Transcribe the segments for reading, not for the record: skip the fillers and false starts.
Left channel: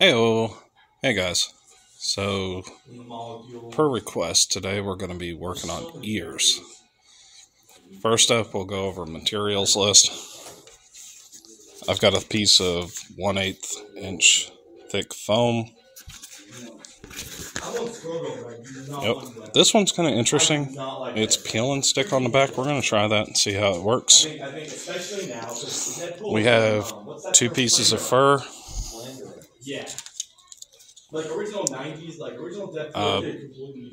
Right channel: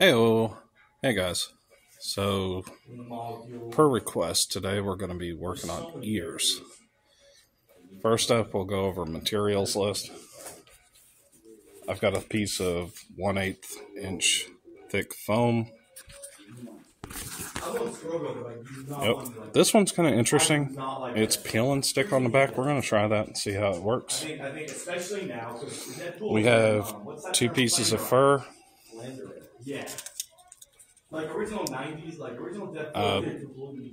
Heyo, hey guys. So, per request, today we're going to be working on ears. First up, we'll go over materials list. I've got a piece of 1/8 inch thick foam. Yep, this one's kind of interesting. It's peel and stick on the back. We're going to try that and see how it works. We have 2 pieces of fur.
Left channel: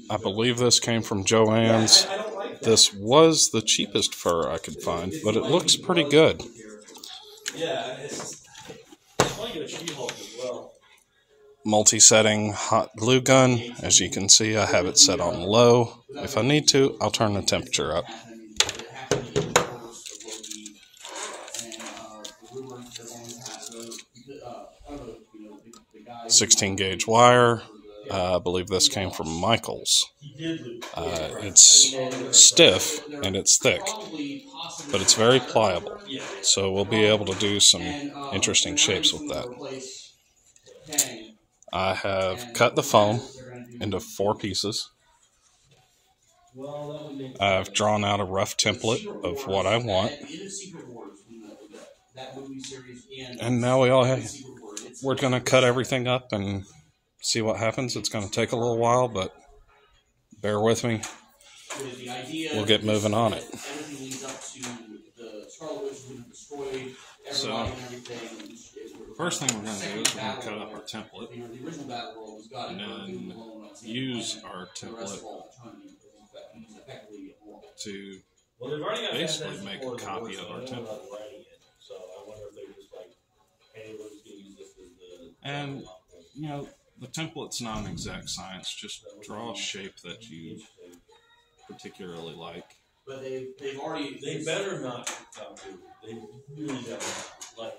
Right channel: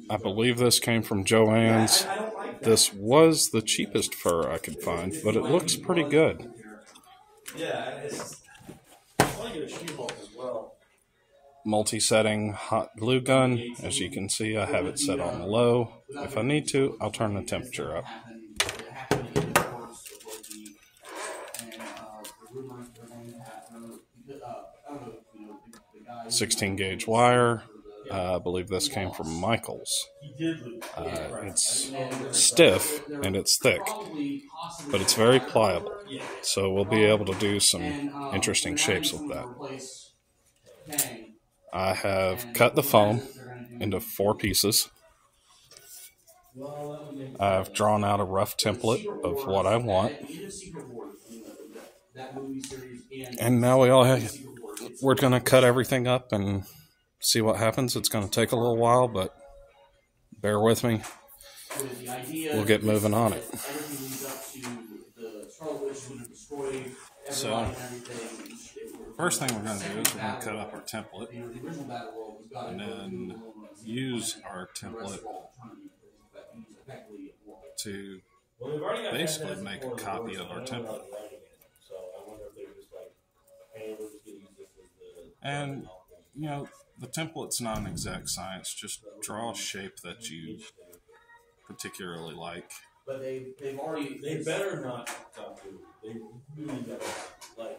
I believe this came from Joann's. This was the cheapest fur I could find, but it looks pretty good. Multi-setting hot glue gun. As you can see, I have it set on low. If I need to, I'll turn the temperature up. 16 gauge wire. I believe this came from Michael's. It's stiff and it's thick, but it's very pliable. So we'll be able to do some interesting shapes with that. I have cut the foam into 4 pieces. I've drawn out a rough template of what I want. And now we're going to cut everything up and see what happens. It's going to take a little while, but bear with me. We'll get moving on it. So, first thing we're going to do is we're going to cut up our template and then use our template to basically make a copy of our template. And, you know, the template's not an exact science. Just draw a shape that you particularly like. But they better not talk to. They really don't like.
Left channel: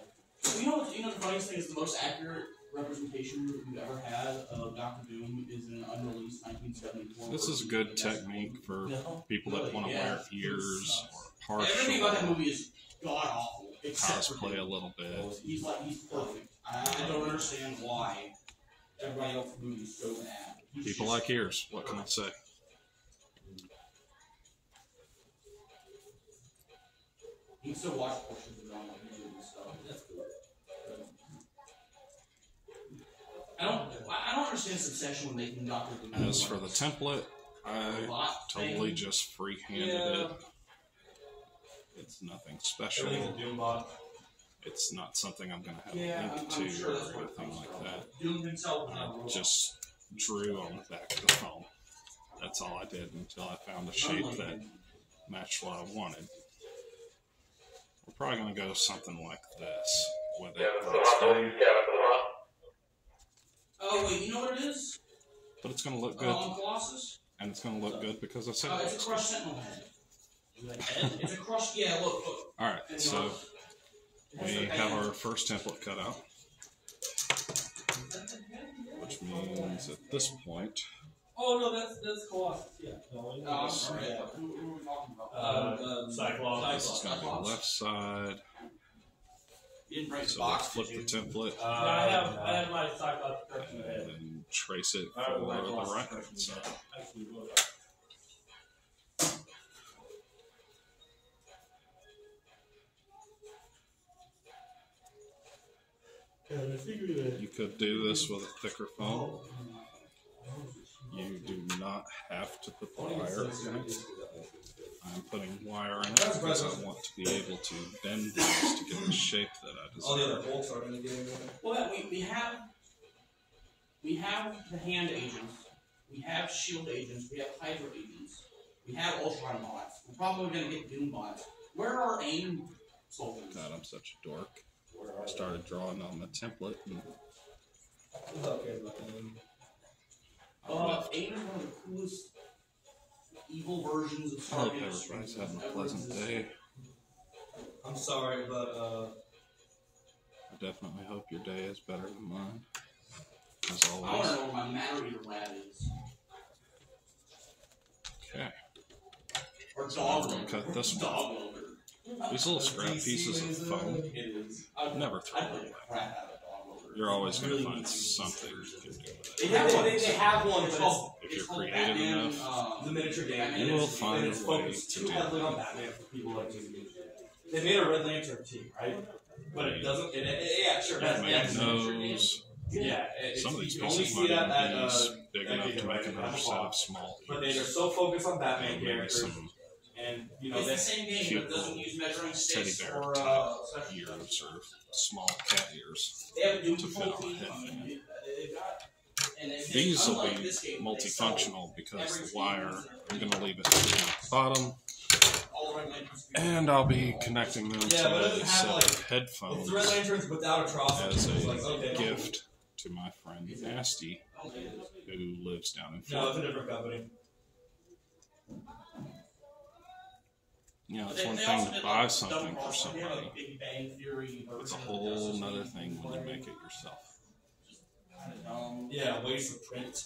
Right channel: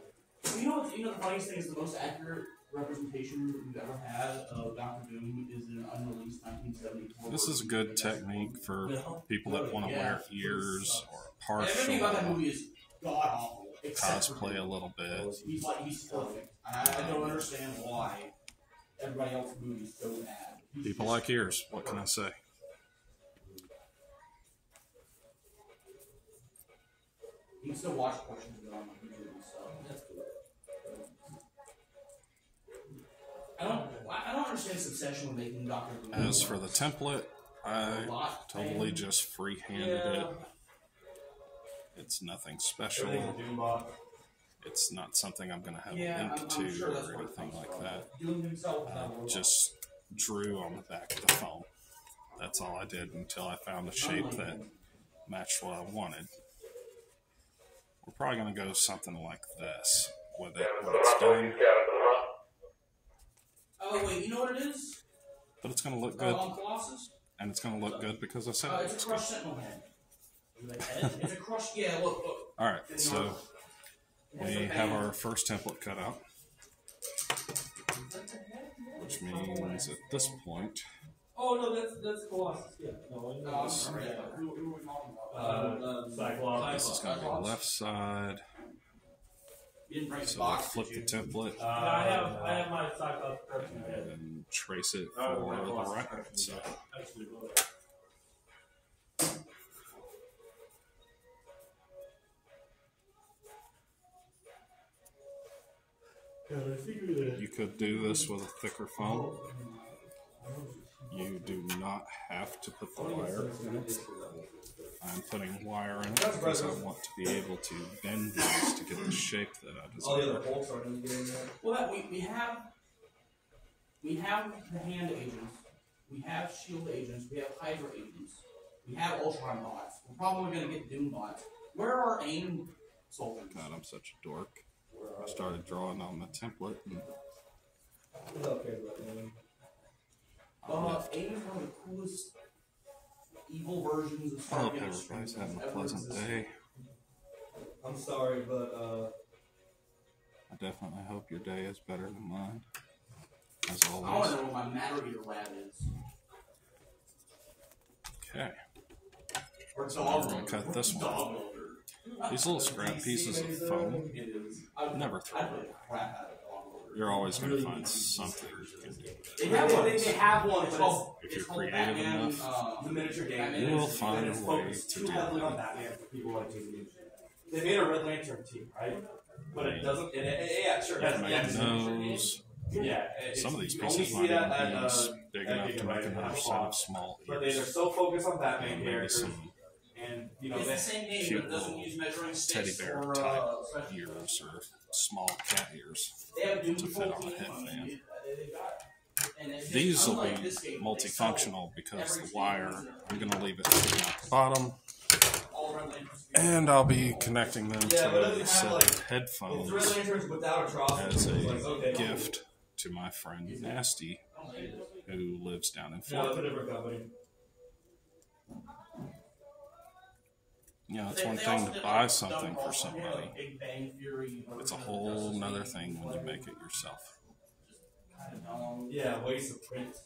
You know the funniest thing is the most accurate representation we've ever had of Dr. Doom is an unreleased 1974. This is a good technique for people that want to wear ears or everything about that movie is god awful. Cosplay a little bit. He's perfect. I don't understand why everybody else in the movie is so bad. People like ears. What can I say? You can still watch portions of it on the movie, so that's good. I don't understand this obsession with making Dr. Doom. As for the template, I totally just free-handed it. It's nothing special. It's not something I'm going to have a link to or anything like that. I just drew on the back of the foam. That's all I did until I found a shape that matched what I wanted. We're probably going to go something like this with it when it's done. Oh, wait, you know what it is? But it's going to look good. Colossus? And it's going to look good because I said it's a crushed sentinel head. It's a crushed, yeah, look. Alright, so we have our first template cut out, which means at this point... Oh, no, that's Colossus, yeah. No, I'm sorry. Who are we talking about? Cyclops. This is going to be the left side. So we'll flip the template. I have my Cyclops and then trace it for the right side. You could do this with a thicker foam. You do not have to put the wire in it. I'm putting wire in it because I want to be able to bend these to get the shape that I desire. Oh, the other bolts are going to get in there? Well, we have the hand agents, we have shield agents, we have Hydra agents, we have Ultron bots. We're probably going to get Doom bots. Where are AIM soldiers? God, I'm such a dork. I started drawing on the template and... Who's up here about AIM? AIM is one of the coolest evil versions of I hope everybody's having a pleasant day. I'm sorry, but I definitely hope your day is better than mine. As always. I want to know where my matter reader lab is. Okay. Or so now we're going to cut this one. These little scrap pieces of foam. It is. Never throw I them play away. crap out of dog loader. you're always going to find something you can do with it. They have one, but If it's you're called creative Batman, enough, the miniature game. you will find and it's a way focused to too do heavily it. on Batman for people like to do. They made a Red Lantern team, right? But it doesn't. Yeah, sure. Make nose. Yeah, Some of these you can only pieces see might that even at be big enough to make another set of small but they are ears. so focused on Batman Maybe characters, some and you know, It's the same game, cute but it doesn't little use measuring teddy sticks bear or type ears or small cat ears. They have Doom to fit Patrol on a team. headband. They've got. And These will unlike be this game, multifunctional because every the team wire, uses I'm going to leave it at the bottom, all Red Lanterns. and I'll be connecting them Yeah, to but it a doesn't have, set like, of it's headphones the Red Lanterns without atrocity. as a It's like, okay, cool. gift to my friend Nasty, who lives down in No, it's a Florida. different company. You know, it's They one also thing to did, buy like, something Dumb for Cross, they have, somebody. like, Big Bang Theory It's a version of whole Justice nother League. thing when you make it yourself. Kinda dumb. Yeah, waste of print.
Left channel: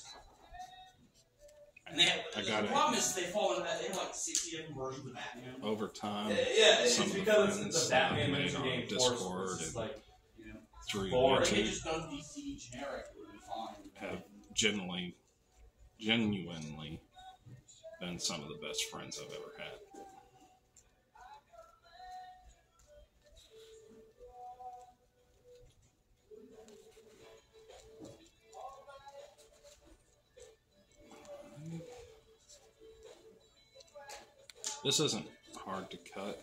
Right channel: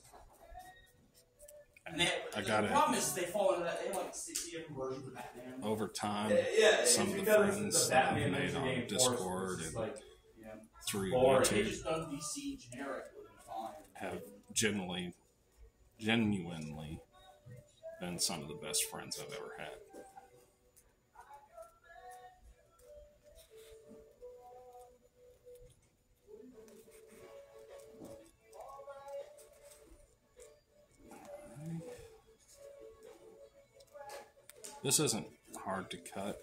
And they have, I got the it. problem is they fall into that. They have like 60 different versions of Batman. Over time, Yeah, it's some of the because friends it's a that I've Batman made miniature on game. Discord It's and like, Yeah. through boring. If they YouTube just done DC generic, it would be fine. have genuinely been some of the best friends I've ever had. This isn't hard to cut.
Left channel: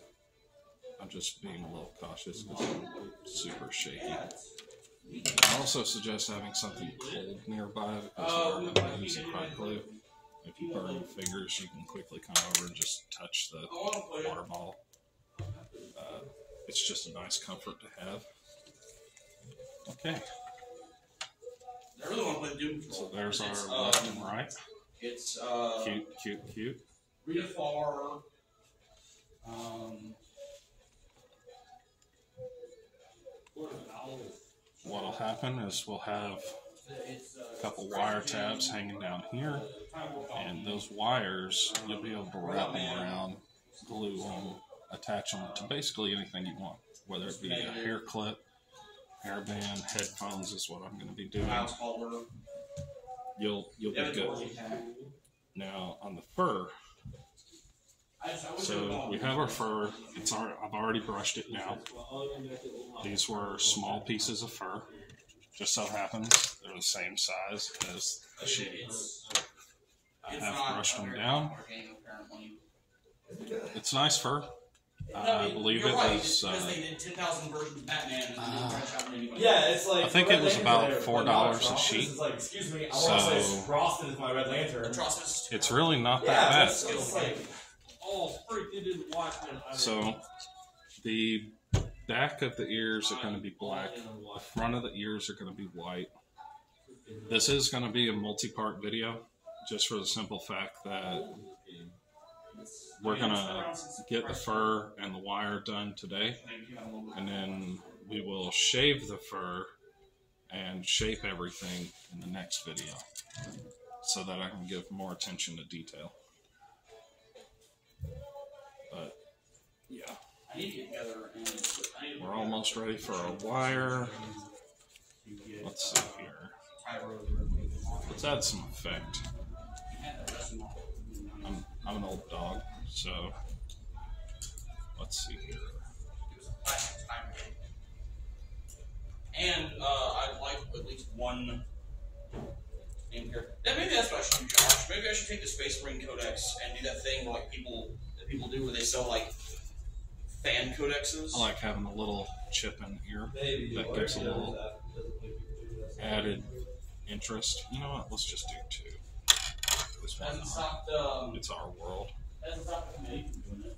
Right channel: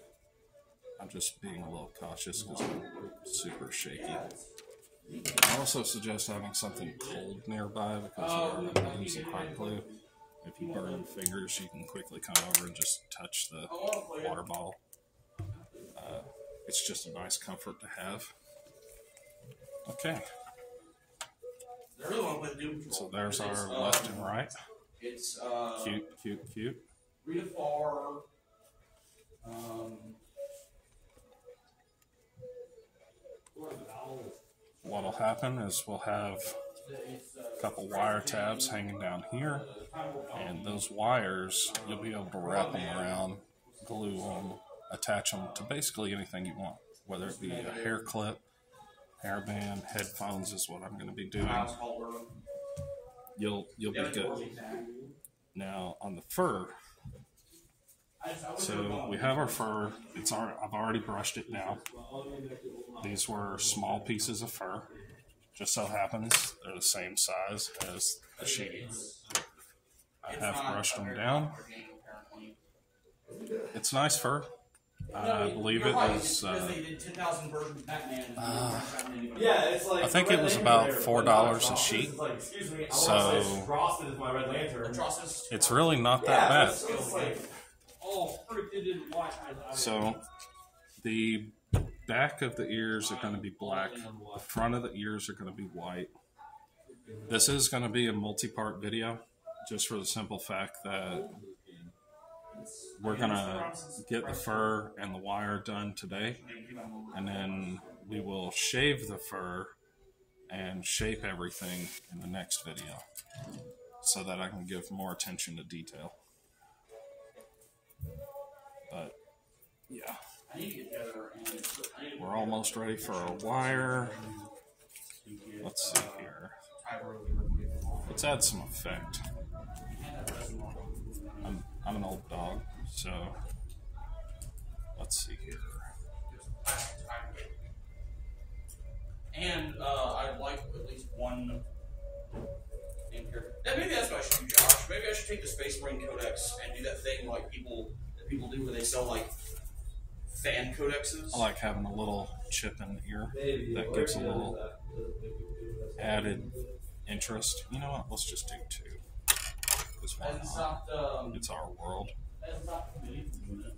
I'm just being a little cautious because I'm super shaky. I also suggest having something cold nearby because we're going to use the hot glue. If you burn your fingers, you can quickly come over and just touch the water ball. It's just a nice comfort to have. Okay, I really want to play Doom Patrol. so there's It's, our left and right. It's Cute, cute, cute. Rita Farr. What'll happen is we'll have a couple wire tabs hanging down here, and those wires, you'll be able to wrap them around, glue them, attach them to basically anything you want, whether it be a hair clip, hairband, headphones is what I'm going to be doing. You'll be good. Now on the fur, so we have our fur. I've already brushed it now. These were small pieces of fur. Just so happens they're the same size as the sheet. I have brushed them down. It's nice fur. I believe it was. yeah, it's like I think it was about $4 a sheet. Like, excuse me, I So want this frosted as my Red Lantern. it's really not that bad. It's like, So the back of the ears are going to be black. The front of the ears are going to be white. This is going to be a multi-part video, just for the simple fact that we're going to get the fur and the wire done today, and then we will shave the fur and shape everything in the next video so that I can give more attention to detail. But yeah, we're almost ready for our wire. Let's see here. Let's add some effect. I'm an old dog, so let's see here. And I'd like at least one in here. Maybe that's what I should do, Josh. Maybe I should take the Space Marine Codex and do that thing like people do where they sell like fan codexes. I like having a little chip in here that gives a little added interest. You know what? Let's just do two. This one, it's our world. Hasn't stopped the committee from doing it.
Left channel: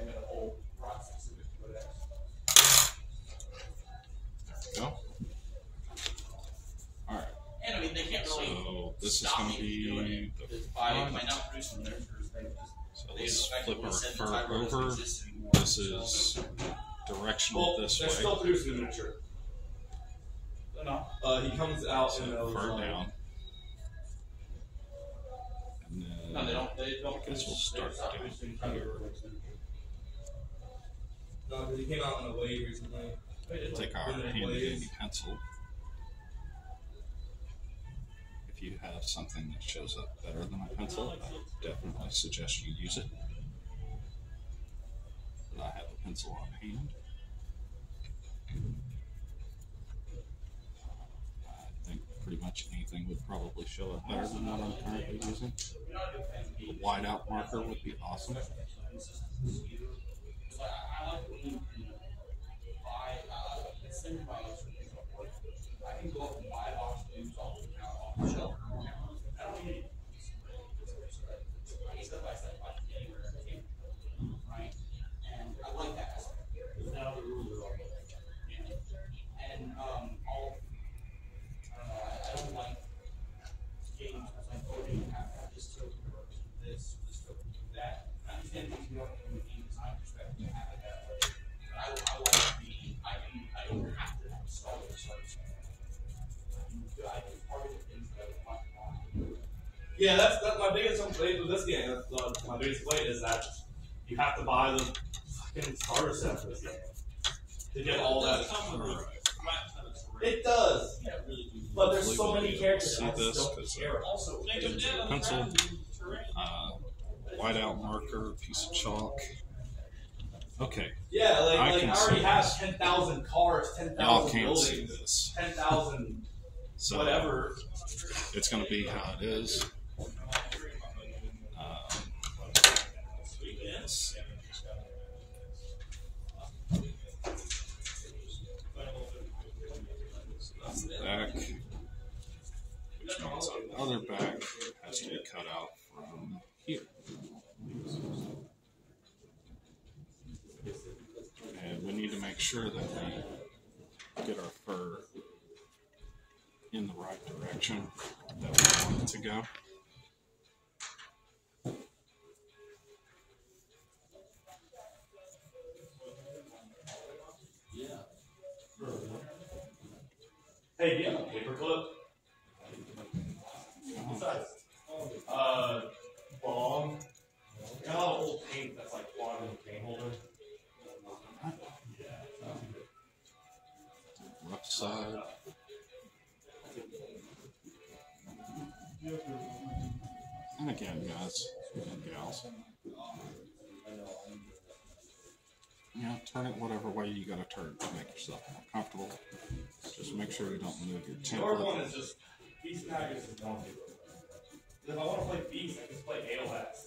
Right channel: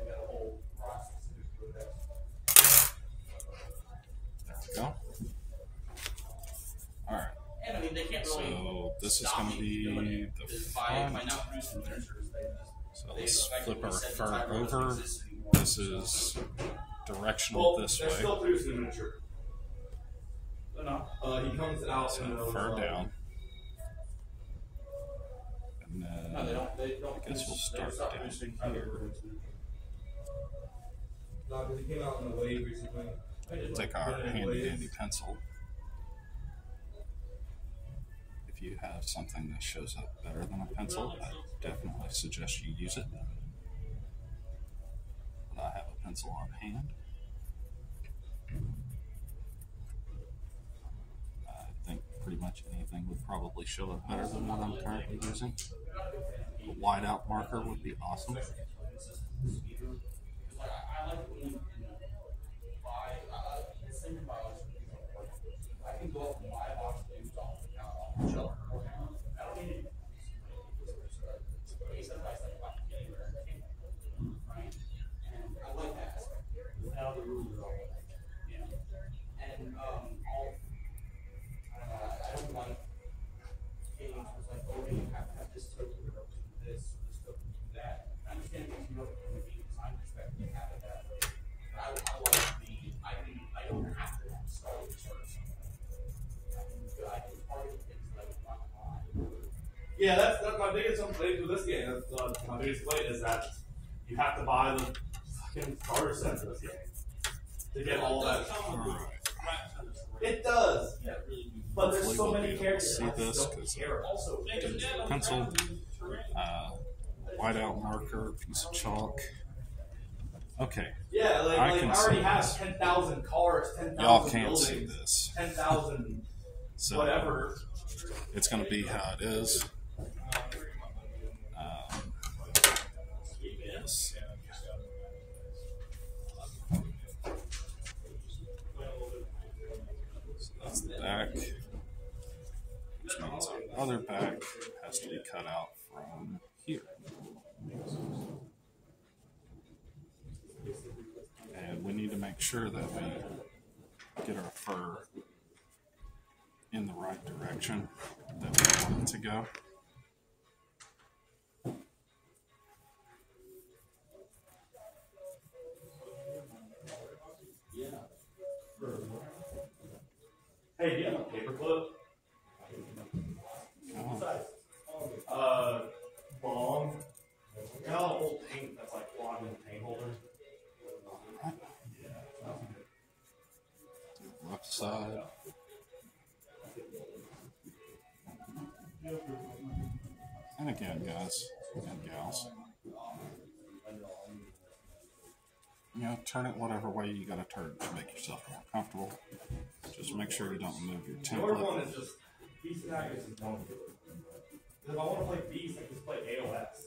And the whole process of the codex. There we go. Alright. And I mean, they can't really. So this is stop going to me from doing be it the by front. not producing miniatures. So They let's flip our effectively said the fur Tyro doesn't over. exist anymore. This is directional this they're way. still producing the miniature. He comes out So in those. fur down. And then No, they don't. I guess we'll start down. No, he came out in a wave recently. Take our handy dandy pencil have something that shows up better than a pencil, I definitely suggest you use it. But I have a pencil on hand. I think pretty much anything would probably show up better than what I'm currently using. A whiteout marker would be awesome. I can go up and buy a box of tubes off the shelf. I don't need it. Right? And I like that aspect. Now the rules are all yeah. And I don't know, I don't like games where it's like, oh, you have to have this token to represent this token to do that. I understand things you from a game design perspective to have it that way. I like I don't have to have start with certain stuff. I can target things that I want to buy. Yeah, that's my biggest complaint with this game. My biggest complaint is that you have to buy the fucking starter set for this game to get all that. It does. Yeah, really. But there's so many characters. See this because pencil, whiteout marker, piece of chalk. Okay. Yeah, I already have 10,000 cars, 10,000 y'all can't buildings, see this. 10,000 So whatever. It's going to be how it is. That's the back, which means the other back has to be cut out from here. And we need to make sure that we get our fur in the right direction that we want it to go. Hey, do you have a paperclip? What size? Long. You know, old paint that's like on in the paint holder. Left side. And again, guys and gals, you know, turn it whatever way you gotta turn it to make yourself more comfortable. Just make sure you don't move your The other one template. is just Beast and Agus is known to it. If I want to play Beast, I can play AOS.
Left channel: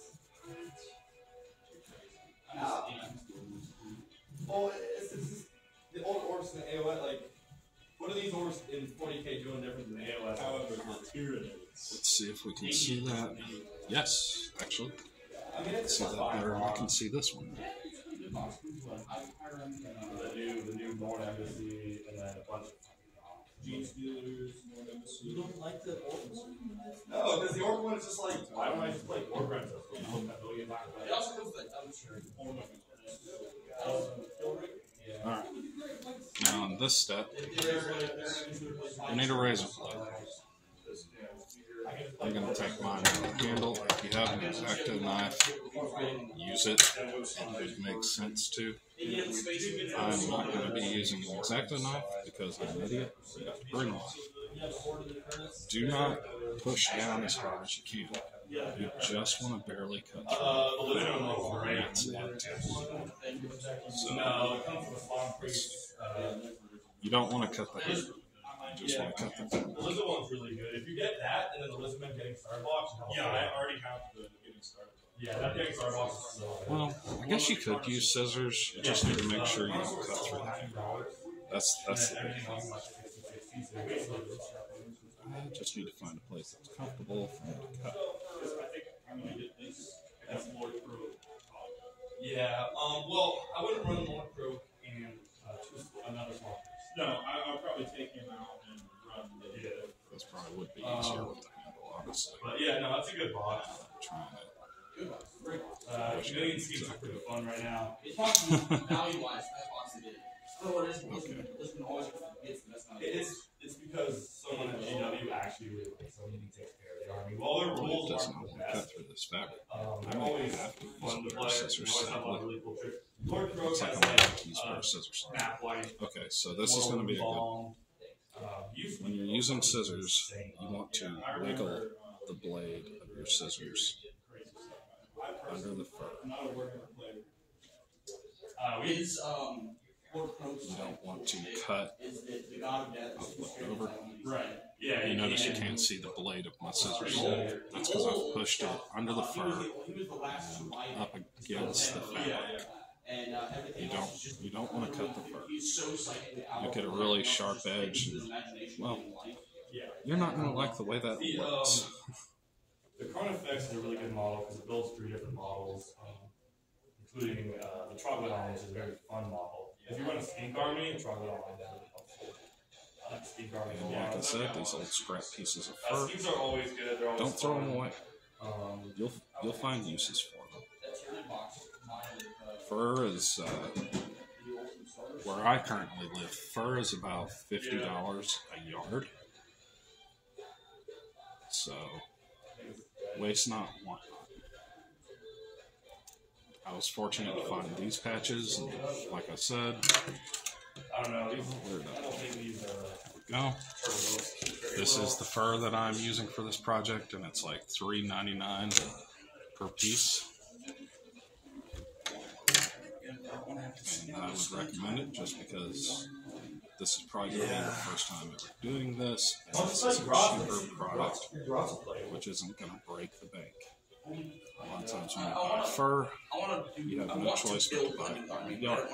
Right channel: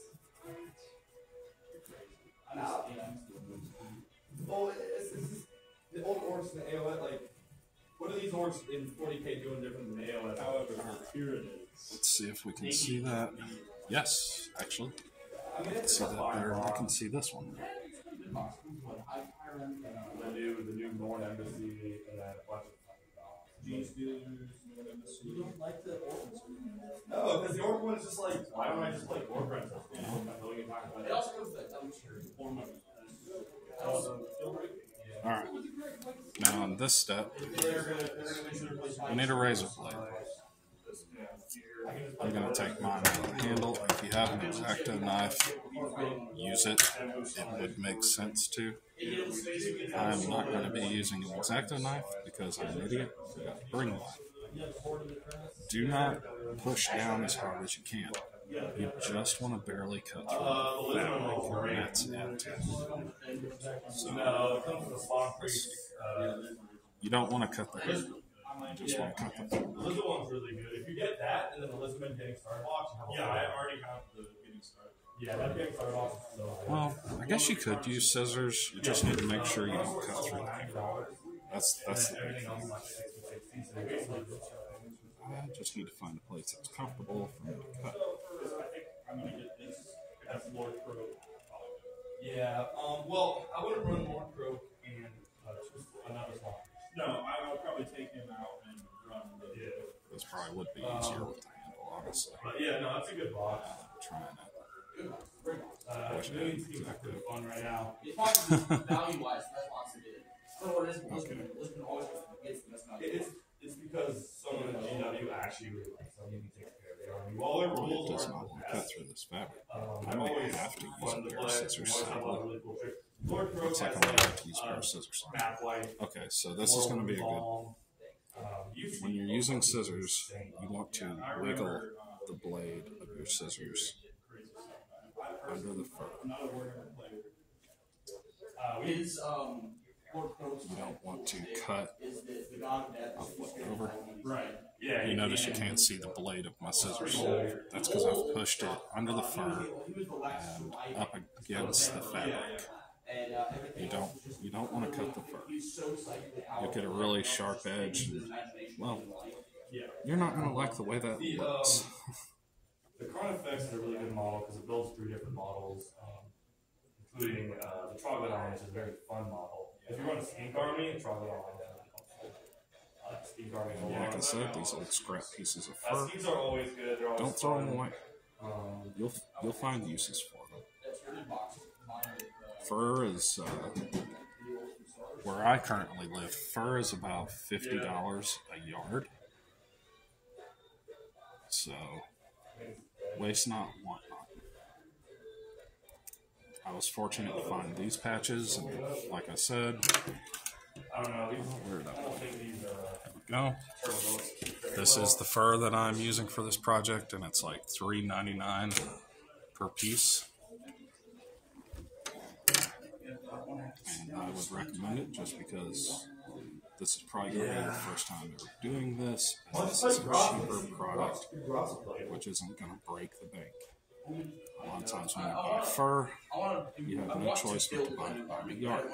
Well, it's the old orcs in AOS, like, what are these orcs in 40k doing different than AOS? However, Let's see if we can see that. Yes, actually. I mean, I can see that better. I can see this one. The new Norn Embassy, and then a bunch of Gene Stealers. You don't like the orcs? No, because the orc one is just like, why don't I just play Orc Rental? It also goes with that dumpster. Alright. Now on this step, we need a razor blade. I'm going to take mine out of the handle. If you have an X-Acto knife, use it. It would make sense to. I'm not going to be using an X-Acto knife because I'm an idiot. You got to bring one. Do not push down as hard as you can. You just want to barely cut through. That's it. So, you don't want to cut the head. You just want to cut the head. The lizard one's really good. If you get that, and then the lizardman getting started box, yeah, I already have the getting started. Yeah, that getting started box is so good. Well, I guess you could use scissors. You just need to make sure you don't cut through the hair. That's the big thing. I just need to find a place that's comfortable for me to cut. That's Lord Crow. Yeah, well, I wouldn't run Lord Crow and another small piece. No, I'll probably take him out and run the. Yeah. This probably would be easier with the handle, honestly. But yeah, no, that's a good box. Trying it. Million schemes are pretty fun right now. It's probably value-wise, best box they did. I don't know what it is. Listen, always gets the best value. It's because someone at GW actually really likes them and takes care of the army. Well, their rules It does aren't not the want to cut best. through this fabric. They're I may always have to use fun a to pair play. of scissors. You always have a lot of really cool tricks. Lord Crow Looks like has I'm going to have to use a pair of scissors. map white. Okay, so this is going to be a good. When you're using scissors, you want to wiggle the blade of your scissors under the fur. You don't want to cut or flip it over. Right. Yeah. You notice you can't see the blade of my scissors. That's because I've pushed it under the fur and up against the fabric. You don't want to cut the fur. You'll get a really sharp edge. And, well, you're not going to like the way that looks. The Carnifex is a really good model because it builds 3 different models, including the Troglodyte, which is a very fun model. If you run a Skink Army, Troglodyte is really helpful. Skink Army is a lot. Like I said, these old scrap pieces of fur. Skins are always good. They're always Don't throw them away. You'll find uses for them. Fur is where I currently live. Fur is about $50 a yard. So waste not, want not. I was fortunate to find these patches, and like I said, I don't know. Where did I don't think these go? This is the fur that I'm using for this project, and it's like $3.99 per piece. And I would recommend it just because this is probably going to be the first time ever doing this. And this is a cheaper product, which isn't going to break the bank. A lot of times when you buy fur, you have no choice but to buy it by the yard.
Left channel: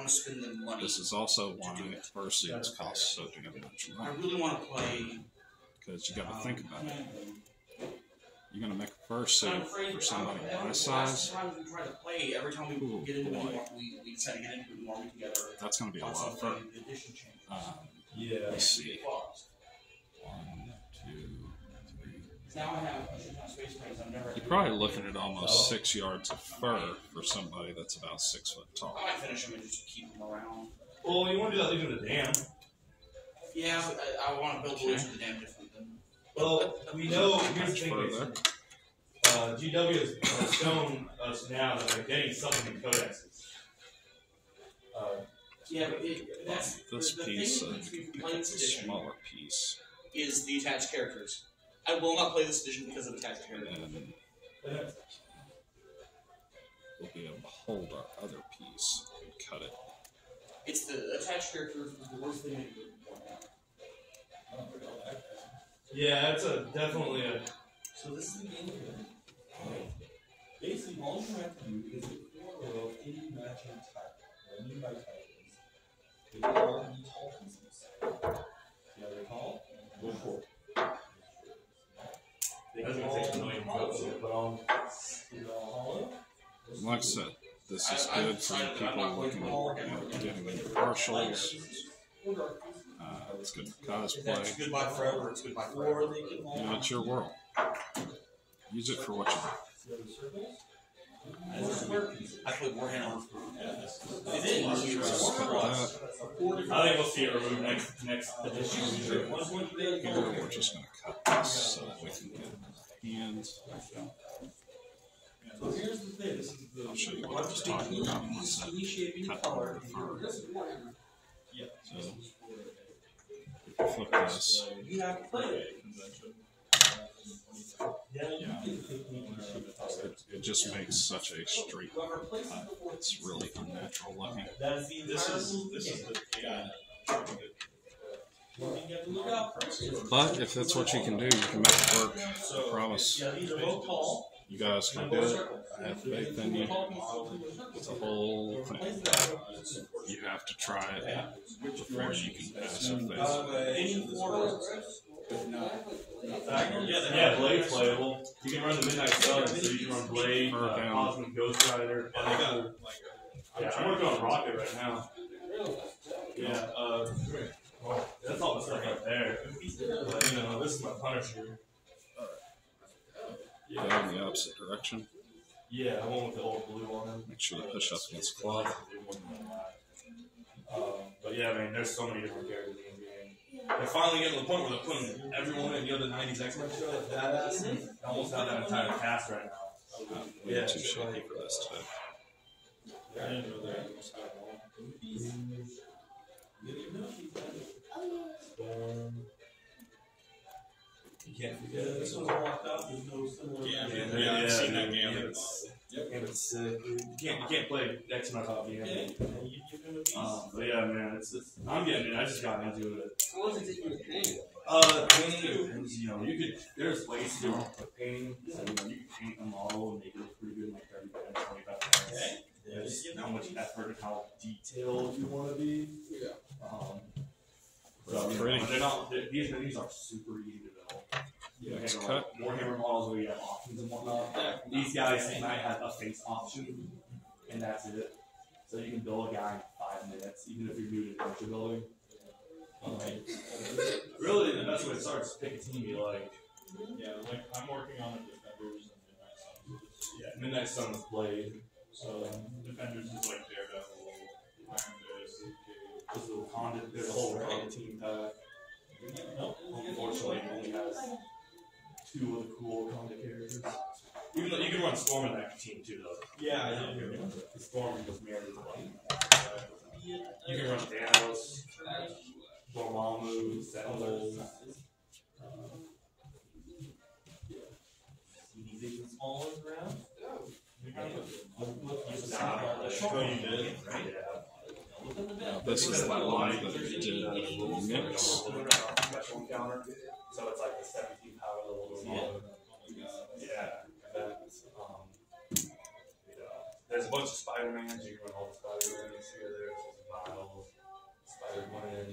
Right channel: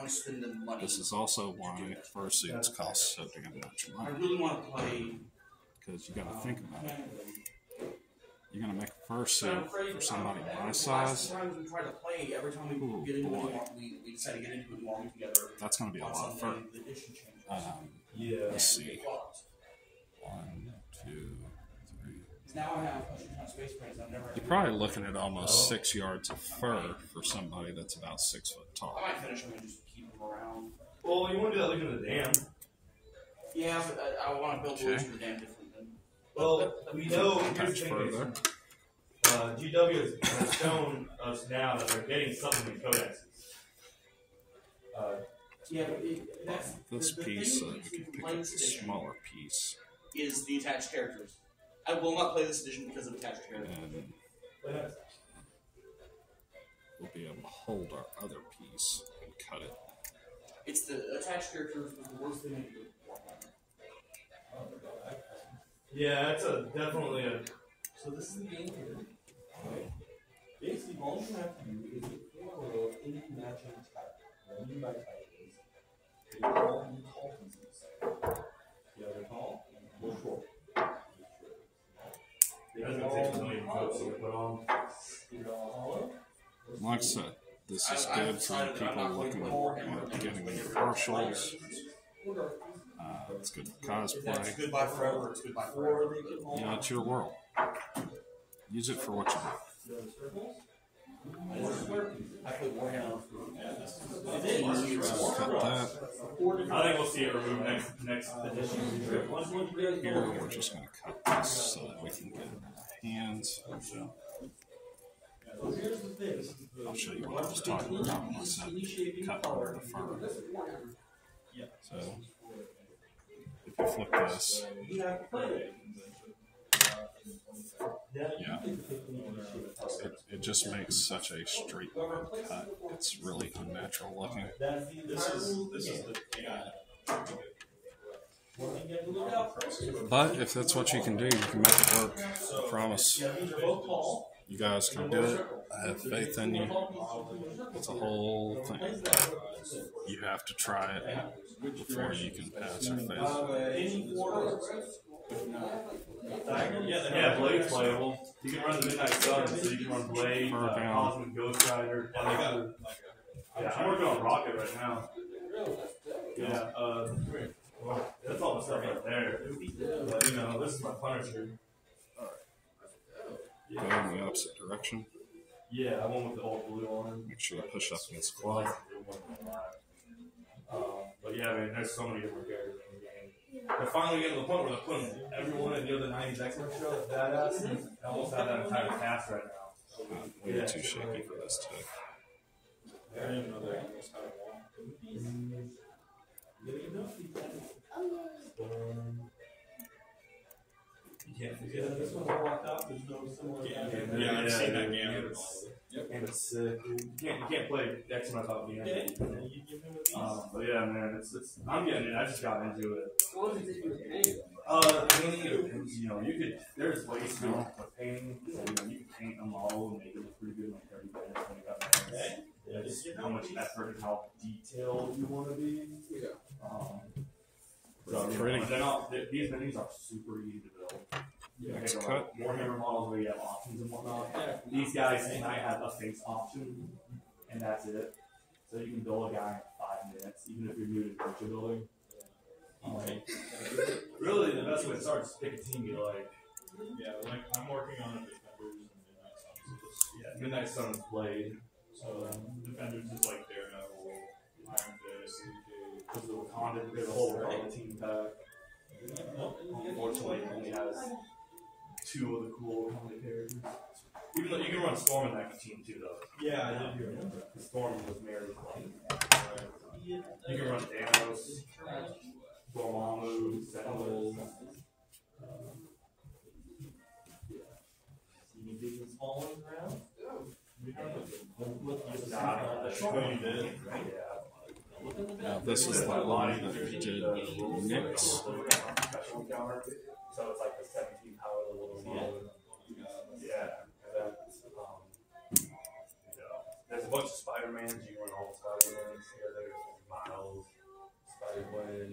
This is also why fursuits cost so damn much money. Because you got to think about it. You're going to make a fursuit for somebody my size. That's going to be a lot of fur. Let's see. 1, 2, 3. You're probably looking at almost 6 yards of fur for somebody that's about 6 foot tall. I might finish them and just keep them around. Well, you want to do that leaving the dam. Yeah, but I want to build the the dam different than. Well, we know, here's the thing is, GW has shown us now that they're getting supplement codexes. Yeah, but that's this piece, you can pick up a smaller piece. Is the attached characters. I will not play this edition because of attached characters. And we'll be able to hold our other piece and cut it. It's the attached characters is the worst thing they do. Yeah, that's definitely a. So this is the game here. Basically, all you have to do is get 4 of any matching type. What I mean by type is they all need tall pieces. The other tall, go short. Doesn't take a million coats to put on. Like I said, this is good for people looking at getting partials. It's good for cosplay. It's goodbye forever. It's goodbye forever. You know, it's your world. Use it for what you want. I put more hand on. Just cut that. I think we'll see it removed next edition. Here, we're just going to cut this so that we can get the hands. So here's the thing. I'll show you what I was talking about when I said cut under the fur. So, if you flip this, yeah, it just makes such a straight cut. It's really unnatural looking. This is the But if that's what you can do, you can make it work. I promise. You guys can do it. I have faith in you. It's a whole thing. You have to try it before you can pass or fail. Yeah, Blade's playable. You can run the Midnight Sun, so you can run Blade, Cosmic Ghost Rider. Yeah, I'm working on Rocket right now. Yeah, that's all the stuff right there. But, you know, this is my Punisher. Go in the opposite direction. Yeah, I went with the old blue on him. Make sure you push up against the cloth. But yeah, I mean, there's so many different characters in the game. They're finally getting to the point where they're putting everyone in the other 90s X-Men show that's badass. They almost have that entire cast right now. Yeah, too shaky for this type. I didn't know they almost had one. can't Yeah, forget this one's blocked out. There's no similar. Yeah, I've seen that game. And it's sick. You can't play X on top of the game. You give him a piece. But yeah, man, it's I'm getting it. I just got into it. What does it take you to paint? Painting, you know, there's ways to do it with painting. So, you know, you can paint a model and make it look pretty good in like 30 minutes, 25 minutes. Okay. Yeah, just how much effort and how detailed you want to be. Yeah. So, you know, they're not, these menus are super easy to build. You know, It's like Warhammer models where you have options and whatnot. These guys might have a face option, and that's it. So you can build a guy in 5 minutes, even if you're new to adventure building. Really, the best way to start is pick a team you like. Yeah, like I'm working on Defenders and Midnight Suns. Yeah, Midnight Suns Blade. So Defenders is like Daredevil, Iron Fist, There's the Wakanda, there's a whole Wakanda team pack. Unfortunately, it only has 2 of the cool Wakanda characters. Even though you can run Storm in that team too, though. Yeah, I know. The Storm was married to Light. You can run Thanos, Dormammu, Sentinels. Any big and small ones around? Now, this is the one that you did mix. Special encounter. So it's like the 17 power level Dormammu. Yeah. And then, you know, there's a bunch of Spider-Mans. You can run all the Spider-Mans together. Miles, Spider-Gwen,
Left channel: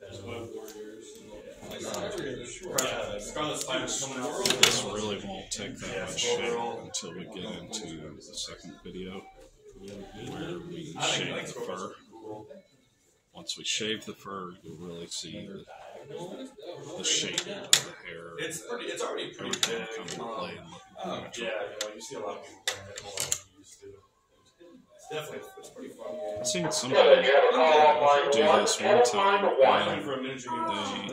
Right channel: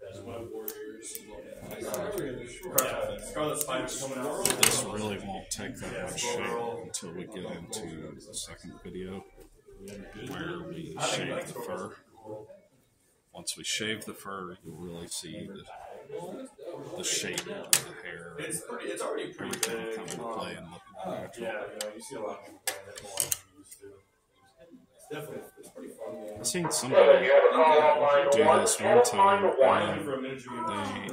Venom, Warriors. Scarlet Spider's coming out. This really won't take that much shape until we get into the second video, where we shave the fur. Once we shave the fur, you'll really see the shape of the hair. It's already pretty Everything big. come into play and look more natural. Yeah, you know, you see a lot of people playing it more than you used to. It's definitely, it's pretty fun game. I've seen somebody do this one time, and For a miniature game,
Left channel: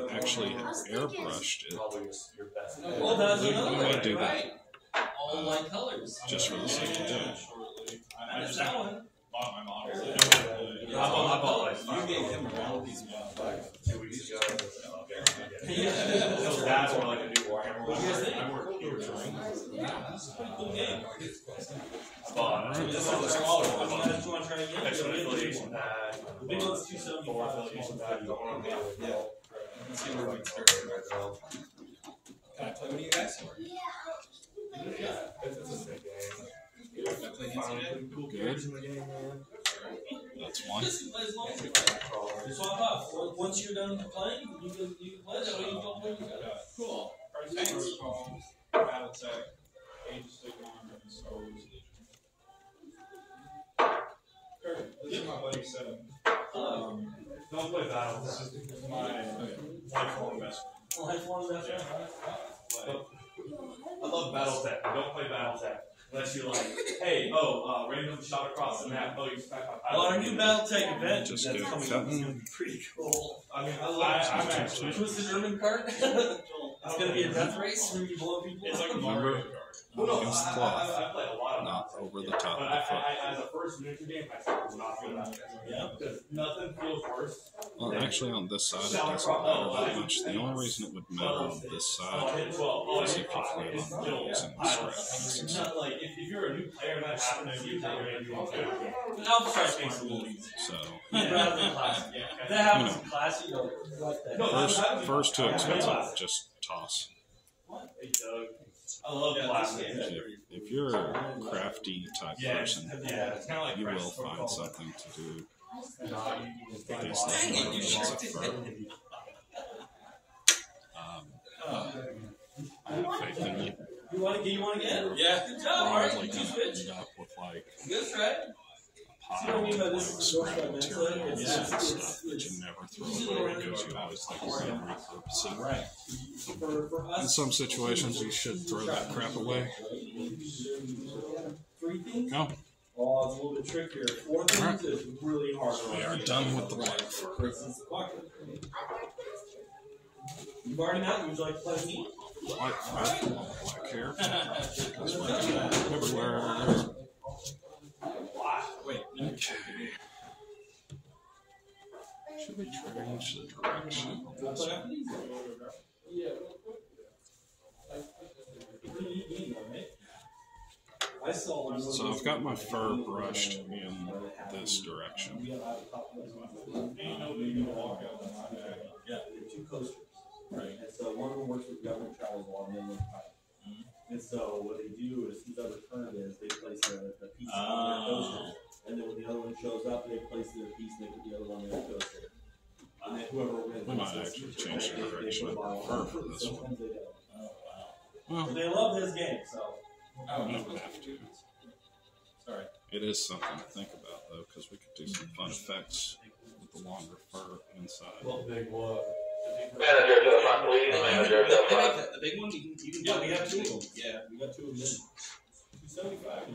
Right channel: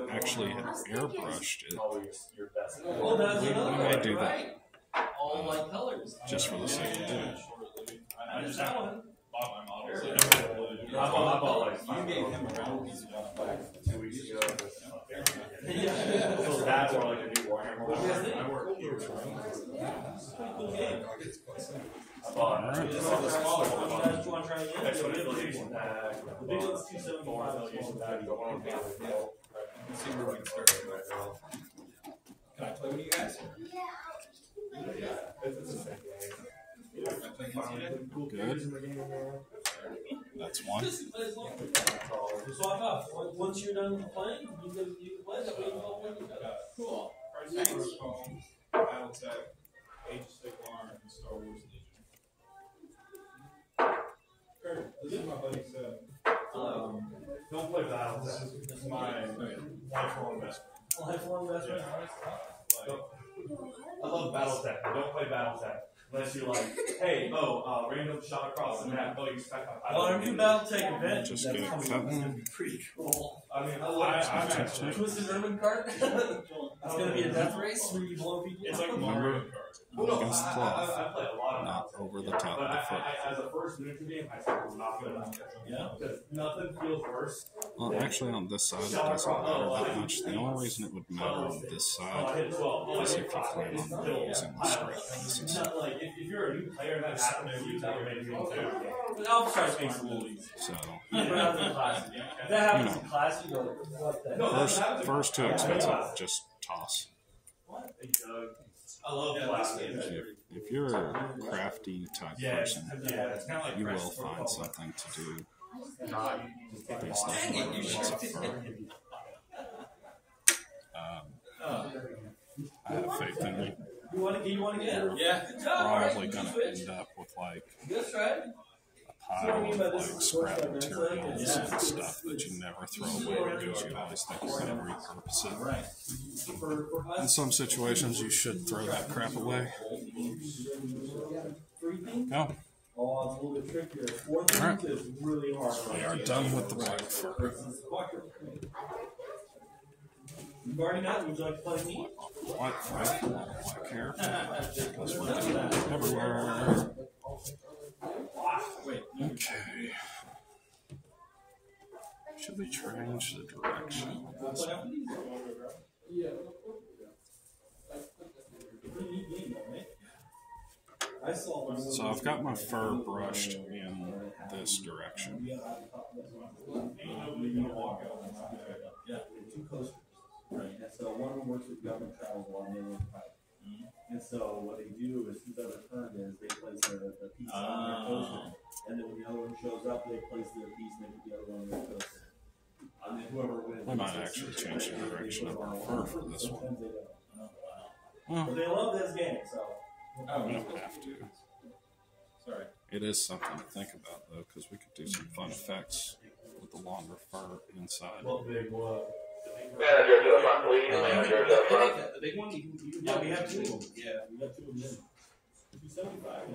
they actually airbrushed it probably your best. Well, that's another They way. do that. Right. All light colors. just for the sake of it. I just that one. bought my models. I bought like You gave him around these 2 weeks ago. So that's more like a new Warhammer. What do you guys think? I work here. It's a pretty cool game. I bought This is the smaller one. You guys want to try again? extra The affiliation pack. big one's 275. Four affiliation pack. The one on the Let's see where we can start. Can I play with you guys? It's a sick game. Cool kids in the game, man. That's one. Swap off. Once you're done playing, you can play that way. You go where you go. Cool. Alright, Protocol, Battletech, Age of Sigmar, and Star Wars Legion. Kurt, this is my buddy Seb. Don't play Battle. This is my lifelong best friend. Lifelong best friend. I love Battletech. Don't play Battletech. Unless you like, hey, random shot across the map. Oh, you expect my Well, our new Battletech event Just that's get coming cut up is one. going to be pretty cool. I mean, I'm I'm actually. Twisted Urban cart. It's going to be a death race when you blow people It's up. like Mario Kart. Well, no, Against the I cloth, play a lot of not over the top But of the foot. as a first miniature game, I still will not play that. Yeah. Because nothing feels worse. Well, actually, on this side, it doesn't matter that much. The only reason it would matter on this side is if you plan on using the scrap pieces. Not like if you're a new player and that happens to you, that you're going to be a fair game. But I'll try to make it a little easy. So, Rather than classic. If that happens in classic, you're like, what the heck? first too expensive, just toss. Hey, Doug. I love Yeah, classic. this game is If you're a crafty type person, It's kind of like you will Press find Protocol. something to do. Nah, you just take a Based box on and what you you just prefer. I have faith in you. You want to get? Yeah. Good job. All right. Probably You gonna switch. end up with like Good try. a pile of like scrap materials and stuff that you never throw away because you always think you're gonna repurpose it. Right. For In us, some situations, you should throw that crap away. 3 things? Go. Oh, it's a little bit trickier. 4 things Alright. is really hard. We are done with the black fur. You've already met. Would you like to play me? White fur, black hair. Because we're going everywhere. Okay. Should we change the direction? I've got my fur brushed in this direction. We have a couple of two coasters, right? And so one of them works with government travels while the other one's private. And so what they do is whose other current is they place the piece on their coaster, and then when the other one shows up, they place their piece and they put the other one on their coaster. And then whoever wins, We might actually change the direction of our fur for this one. Well, But they love this game, so. we don't have to. Sorry. It is something to think about, though, because we could do some fun effects with the longer fur inside. What big what? Manager to the front, please. Manager to the front. The big one, you can Yeah, we buy have two of them. Yeah. We got two of them. 275.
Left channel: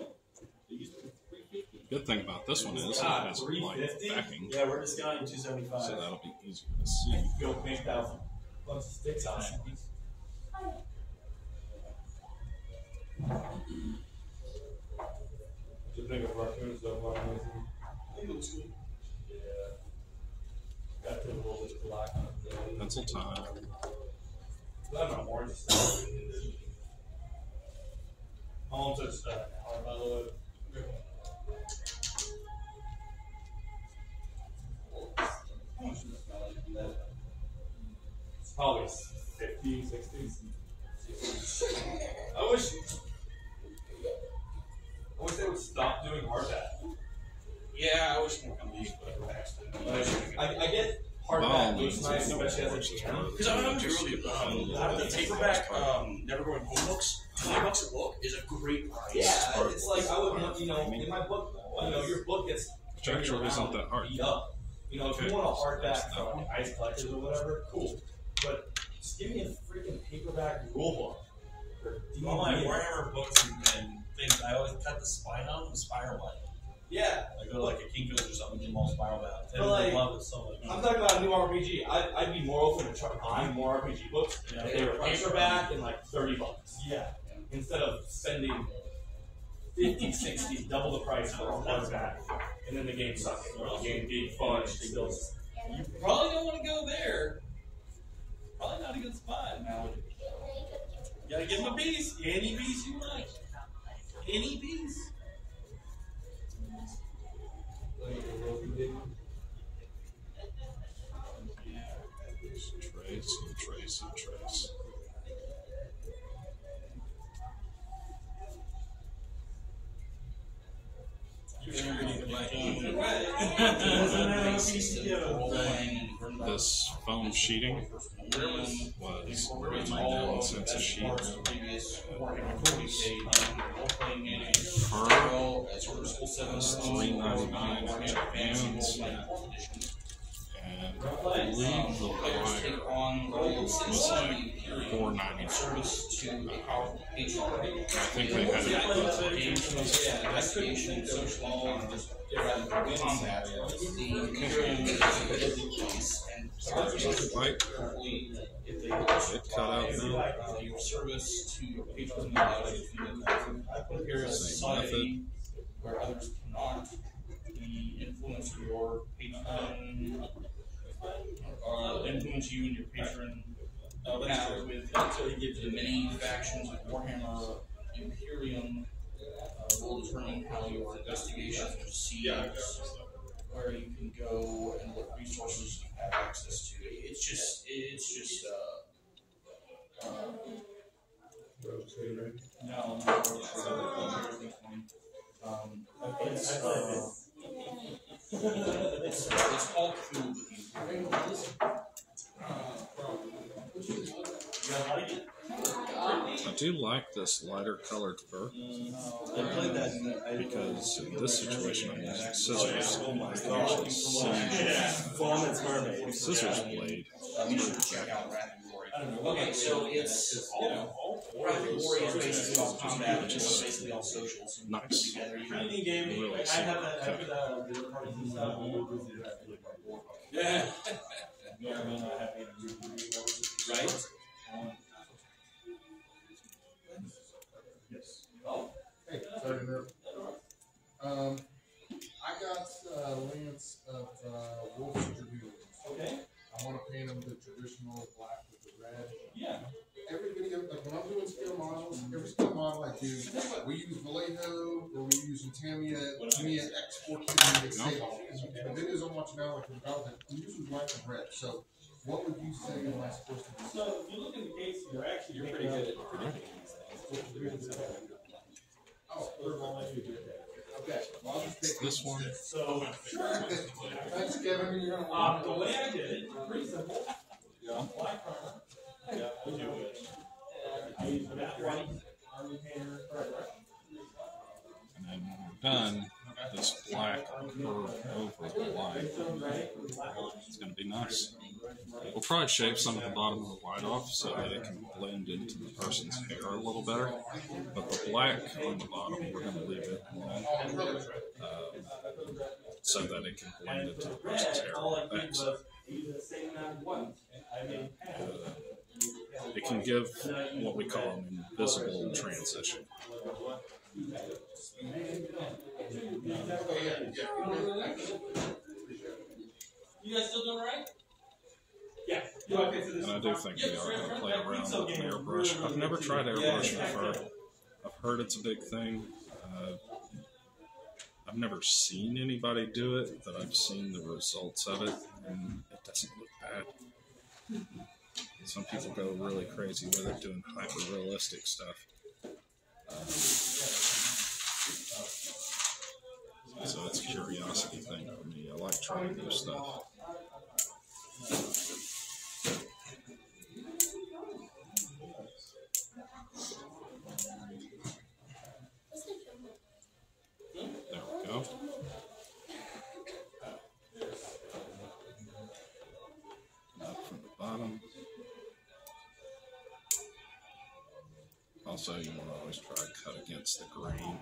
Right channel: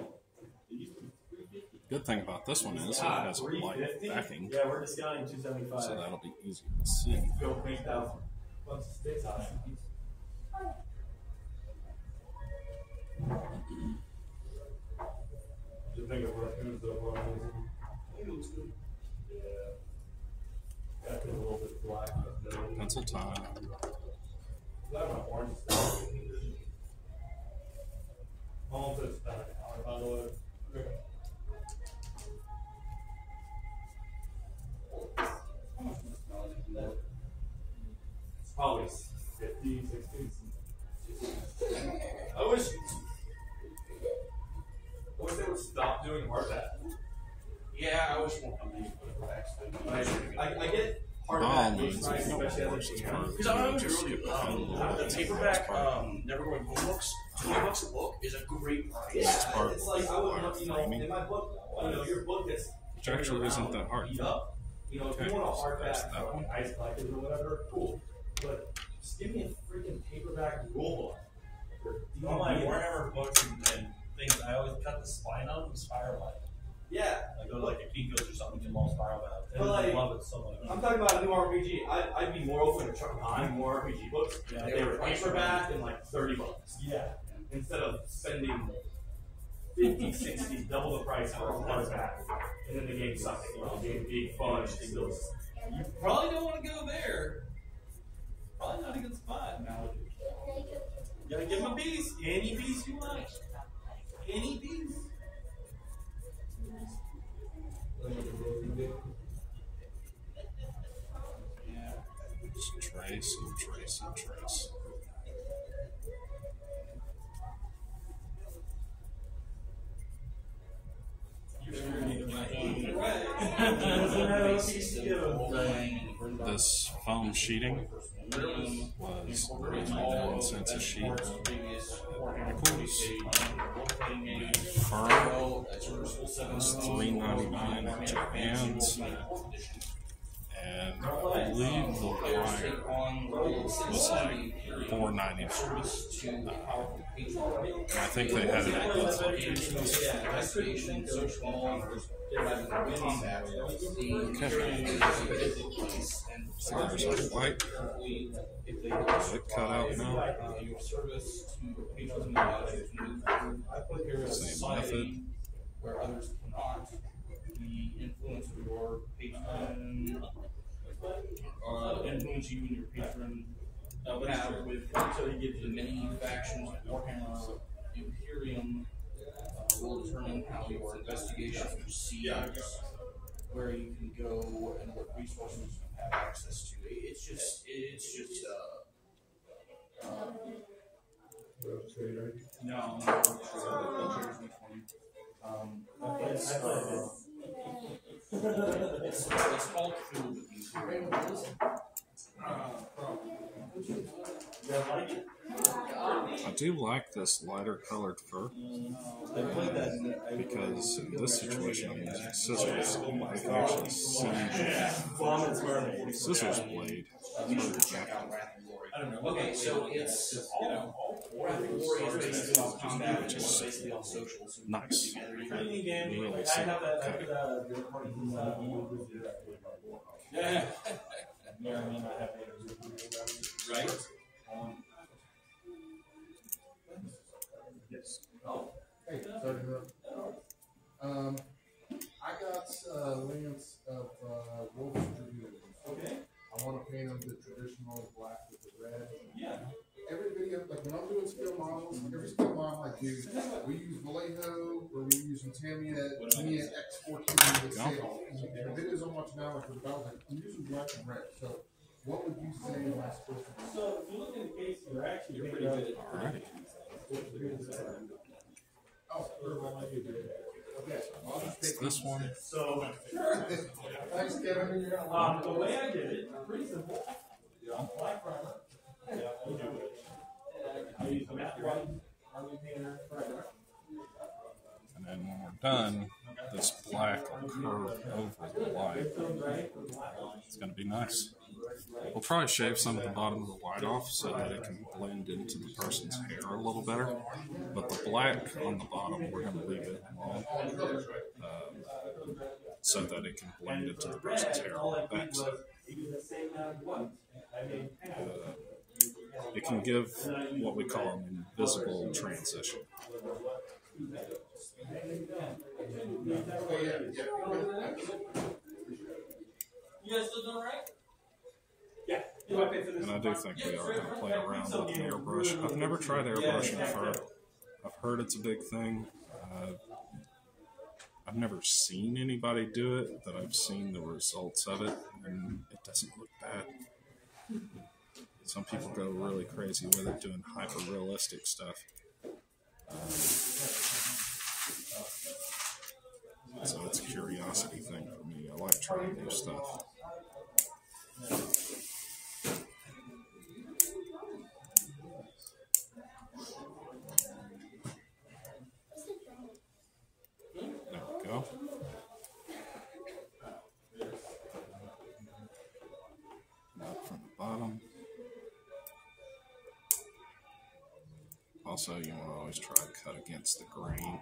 They used to be 350. Good thing about this one is it has a light 350? backing, Yeah, we're discounting 275. so that'll be easier to see. Go make that bunch of sticks on it. Just think of raccoons don't run amazing. It looks good. Yeah. Got a little bit black. Pencil time. That my orange stuff. My mom said Howard, by the way. How much does it smell like that? It's probably 50, 60. I wish they would stop doing hardback. Yeah, I wish more companies would put backs to I get Oh, hardback looks no, nice, no, especially as a it's piano. Because I'm going to really, the paperback, Never Going Home books, $20 a book is a great price. Yeah, it's like I would want, in my book, your book gets Which actually isn't that hard. beat up. You know, if Okay, you want a so that's hardback that for one. like ice collectors or whatever, cool. But just give me a freaking paperback rule book. All my Warhammer books and things, I always cut the spine on them spiral line. Yeah. I go to like a Kinko's or something, get them all spiral bound. But And like, I love it so much. I'm talking about a new RPG. I'd be more open to buying more RPG books. Yeah. If they were paperback and like $30. Yeah. Instead of spending 50, 60, double the price for a hardback, and then the game sucks. Or the game being fun, it still. You probably don't want to go there. Probably not a good spot. You gotta give them a piece. Any piece you like. Any piece. Just trace and trace and trace. This foam sheeting was $99 cents a sheet. Fur was $3.99 at Japan's, and I believe the wire was like $4.99. I think they had it at both locations. So there's a white it cut out now. Service to your patrons Same method. where others cannot. The influence of your patron influence you and your patron have with the many factions of Warhammer Imperium will determine how your investigations proceed, where you can go and what resources you have access to. It's just no, it's all cool with you. I do like this lighter colored fur I played that. because in this situation I'm using scissors and I can actually see Vomits mermaid. the scissors blade. You should check out Wrath and Glory. Okay, so it's all Wrath and Glory is basically all combat, which is basically all socials. Nice. Training game. Really I have that cut after it. that dinner parties and stuff. We will visit that. Yeah. Yeah, I mean, I have a Right? Yes. Hey, sorry to interrupt. I got Lance of Wolf's Dragoons. Okay. I want to paint them the traditional black with the red. Yeah. Every video, like when I'm doing scale models, every scale model I do, we use Vallejo or we use media export to the state. The videos I'm watching now are for development. I'm using black and red. So, what would you say am I supposed to do? So, if you look in the case, you're Pretty good at Oh, okay. Well, I'll just pick This one. So, Thanks, Kevin. You're gonna want the way I did it, pretty simple. Black primer. I use the matte white on the painter primer. And then when we're done, this black will curve over the white. It's going to be nice. We'll probably shave some of the bottom of the white off so that it can blend into the person's hair a little better. But the black on the bottom, we're going to leave it so that it can blend into the person's hair on the back side. It can give what we call an invisible transition. You guys still doing right? Yeah. And I do think we are going to play around with an airbrush. I've never tried airbrushing fur. I've heard it's a big thing. I've never seen anybody do it, but I've seen the results of it, and it doesn't look bad. Some people go really crazy with it, doing hyper-realistic stuff. So it's a curiosity thing for me. I like trying new stuff. There we go. Up from the bottom. Also, you want to always try to cut against the grain,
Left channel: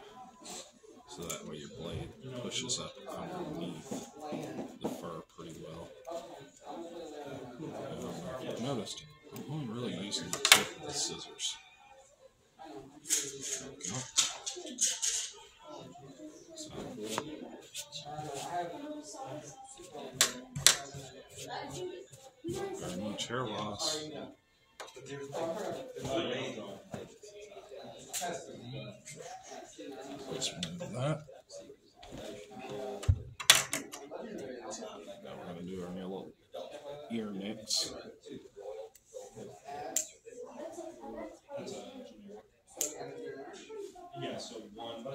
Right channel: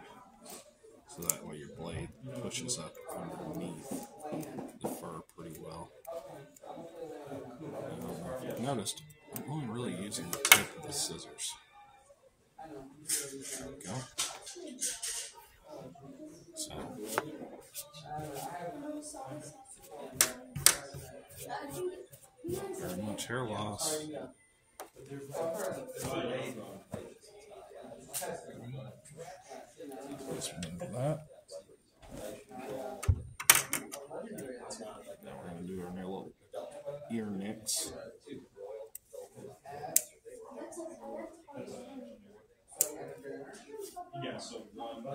so that way your blade pushes up underneath the fur pretty well. If you've noticed, I'm only really using the tip of the scissors. There we go. So, very much hair loss. Let's remove that. Now we're going to do our little ear nicks. Yeah, so one. No,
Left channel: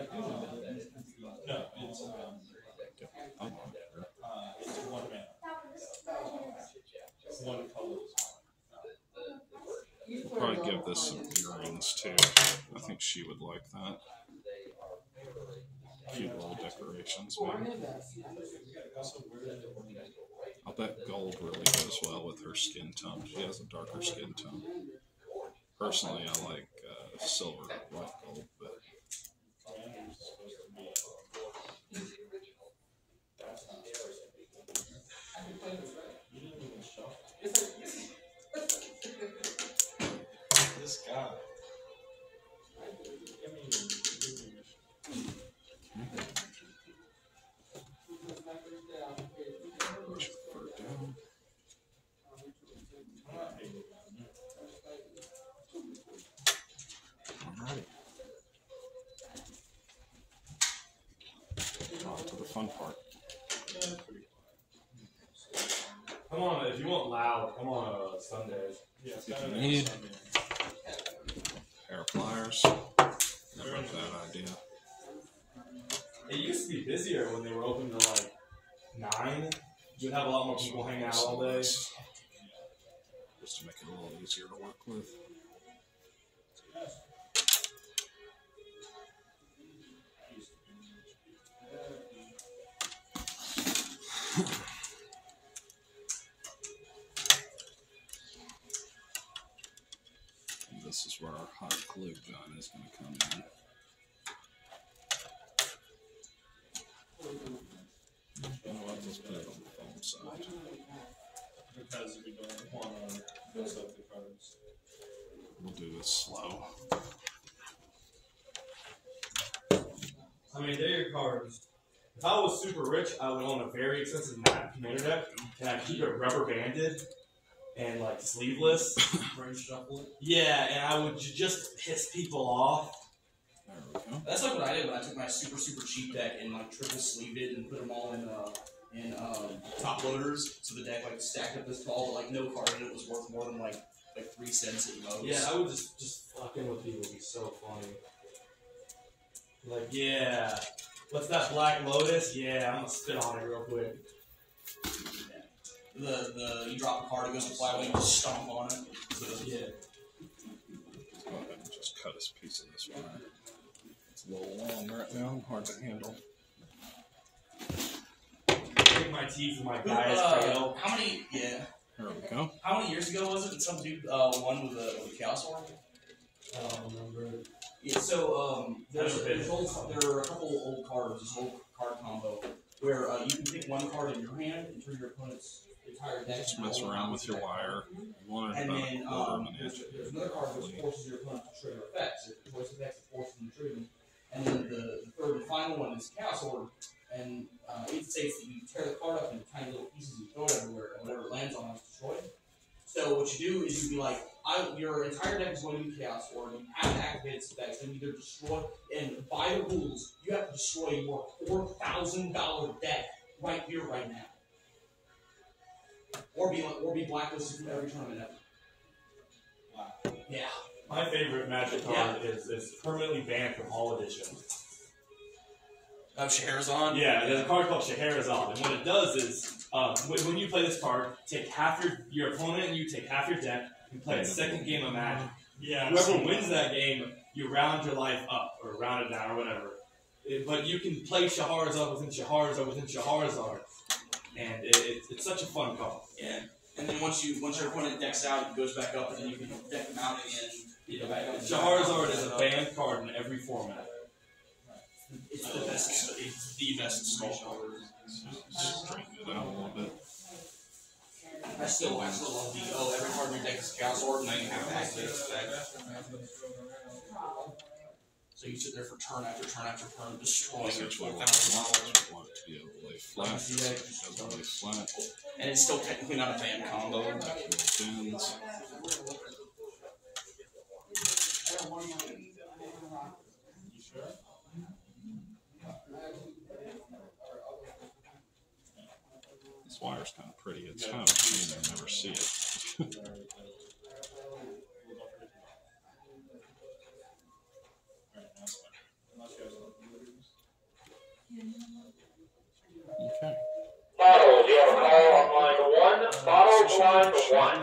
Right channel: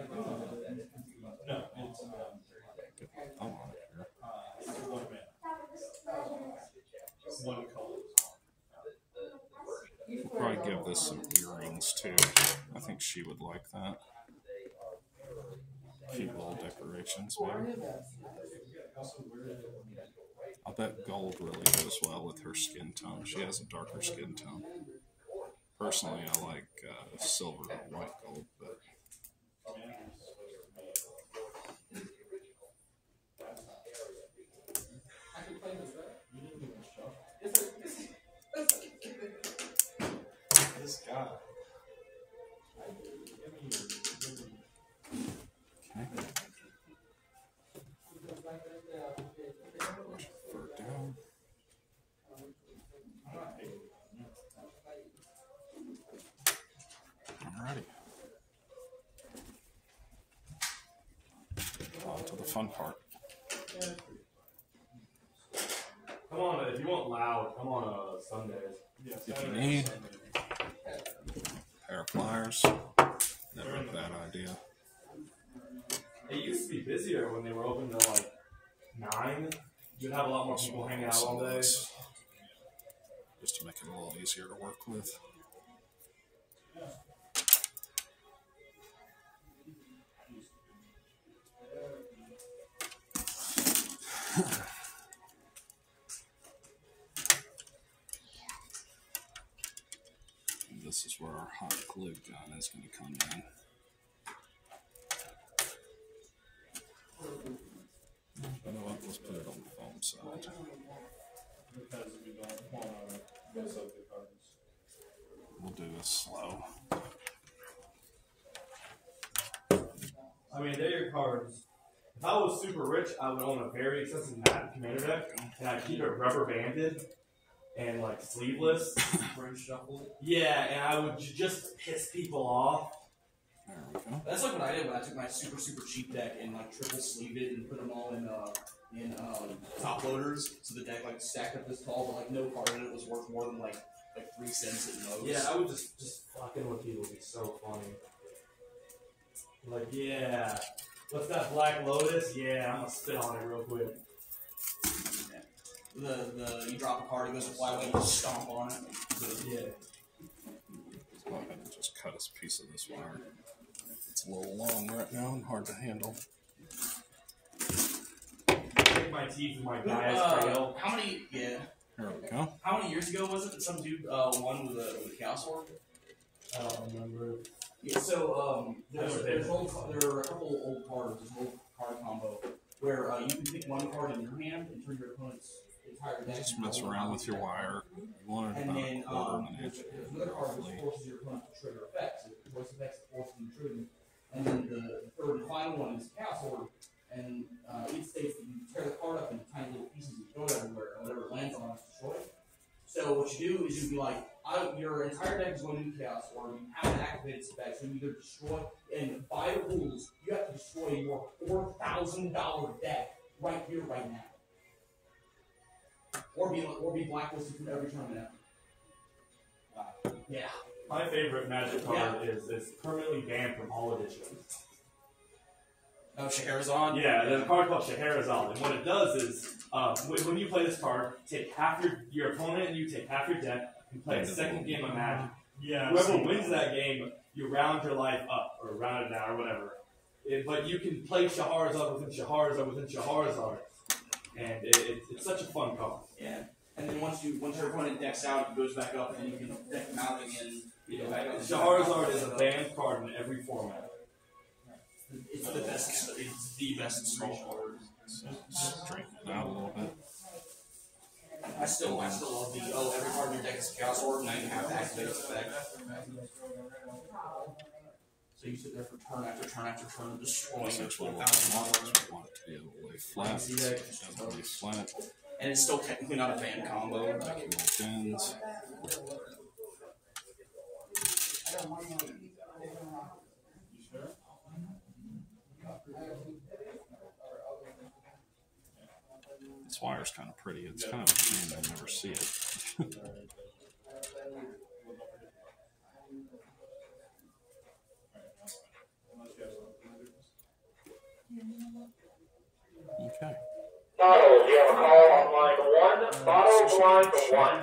it's one man. One color. We'll probably give this some earrings too. I think she would like that. Cute little decorations, maybe. I'll bet gold really goes well with her skin tone. She has a darker skin tone. Personally, I like silver or white gold, but This guy. brush the fur down. Alrighty. On to the fun part. Come on, if you want loud, come on Sundays. If you need a pair of pliers, never a bad idea. It used to be busier when they were open to like 9. You'd have a lot more people hanging out all day. Just to make it a little easier to work with. And this is where our hot glue gun is going to come in. You know what? Let's put it on the foam side. Because we don't want to mess up the cards. We'll do this slow. I mean, they're your cards. If I was super rich, I would own a very expensive commander deck, and I'd keep it rubber banded and like sleeveless. Brain shuffle it. Yeah, and I would just piss people off. There That's like what I did when I took my super cheap deck and like triple sleeved it and put them all in top loaders, so the deck like stacked up this tall, but like no card in it was worth more than like 3 cents at most. Yeah, I would just fucking with people would be so funny. Like, yeah, what's that Black Lotus? Yeah, I'm gonna spit on it real quick. Yeah. You drop a card, it goes to fly, you just stomp on it. Yeah. Go ahead and just cut us a piece of this wire. It's a little long right now and hard to handle. Take my teeth and my guy's tail. How many? Yeah. Here we go. How many years ago was it that some dude won with a Chaos Orb? I don't remember. Yeah. So there are a couple old cards, this old card combo, where you can pick one card in your hand and turn your opponent's entire deck. Just mess around with your wire. And then there's another card which forces your opponent to trigger effects. If the choice effects, it forces them to trigger. And then the third and final one is Chaos Orb. And it states that you tear the card up into tiny little pieces and throw it everywhere, and whatever it lands on is destroyed. So what you do is you'd be like, your entire deck is going to be Chaos Orb. You have to activate its effects, and either destroy, and by the rules, you have to destroy your $4,000 deck right here, right now. Or be blacklisted from every tournament ever. Wow. Yeah. My favorite Magic card is permanently banned from all editions. Oh, Scheherazade? Yeah, there's a card called Scheherazade, and what it does is, when you play this card, take half your opponent and you take half your deck, you play a second game of Magic. Yeah. Whoever wins that game, you round your life up, or round it down, or whatever. But you can play Scheherazade within Scheherazade within Scheherazade, and it's such a fun card. Yeah. And then once your opponent decks out, it goes back up, and then you can deck them out again. You go back up. Scheherazade is a banned card in every format. It's the best. It's the best small card. Straighten it out a little bit. I still love the every card in your deck is Chaos Orb, now you have to activate its effect. So you sit there for turn after turn after turn, destroying Essentially, $4,000. want to be able to lay flat. Doesn't lay flat. And it's still technically not a van combo. Gens. This wire's kind of pretty. It's kind of a shame I never see it. Okay. Bottles, you have a call on line 1. Bottles, line 1.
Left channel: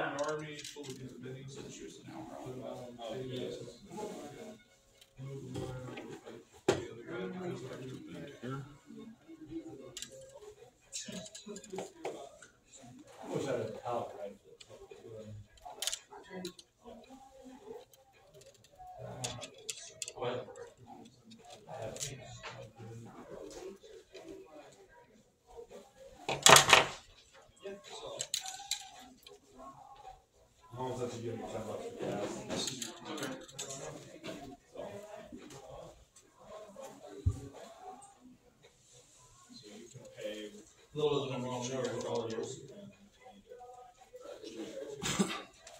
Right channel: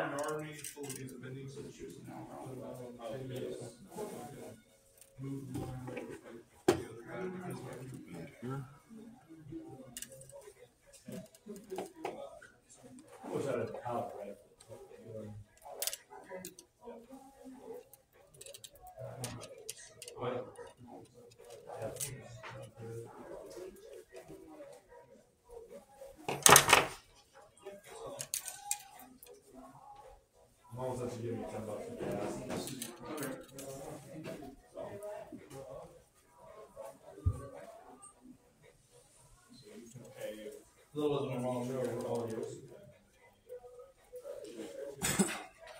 A little bit of my for all yours.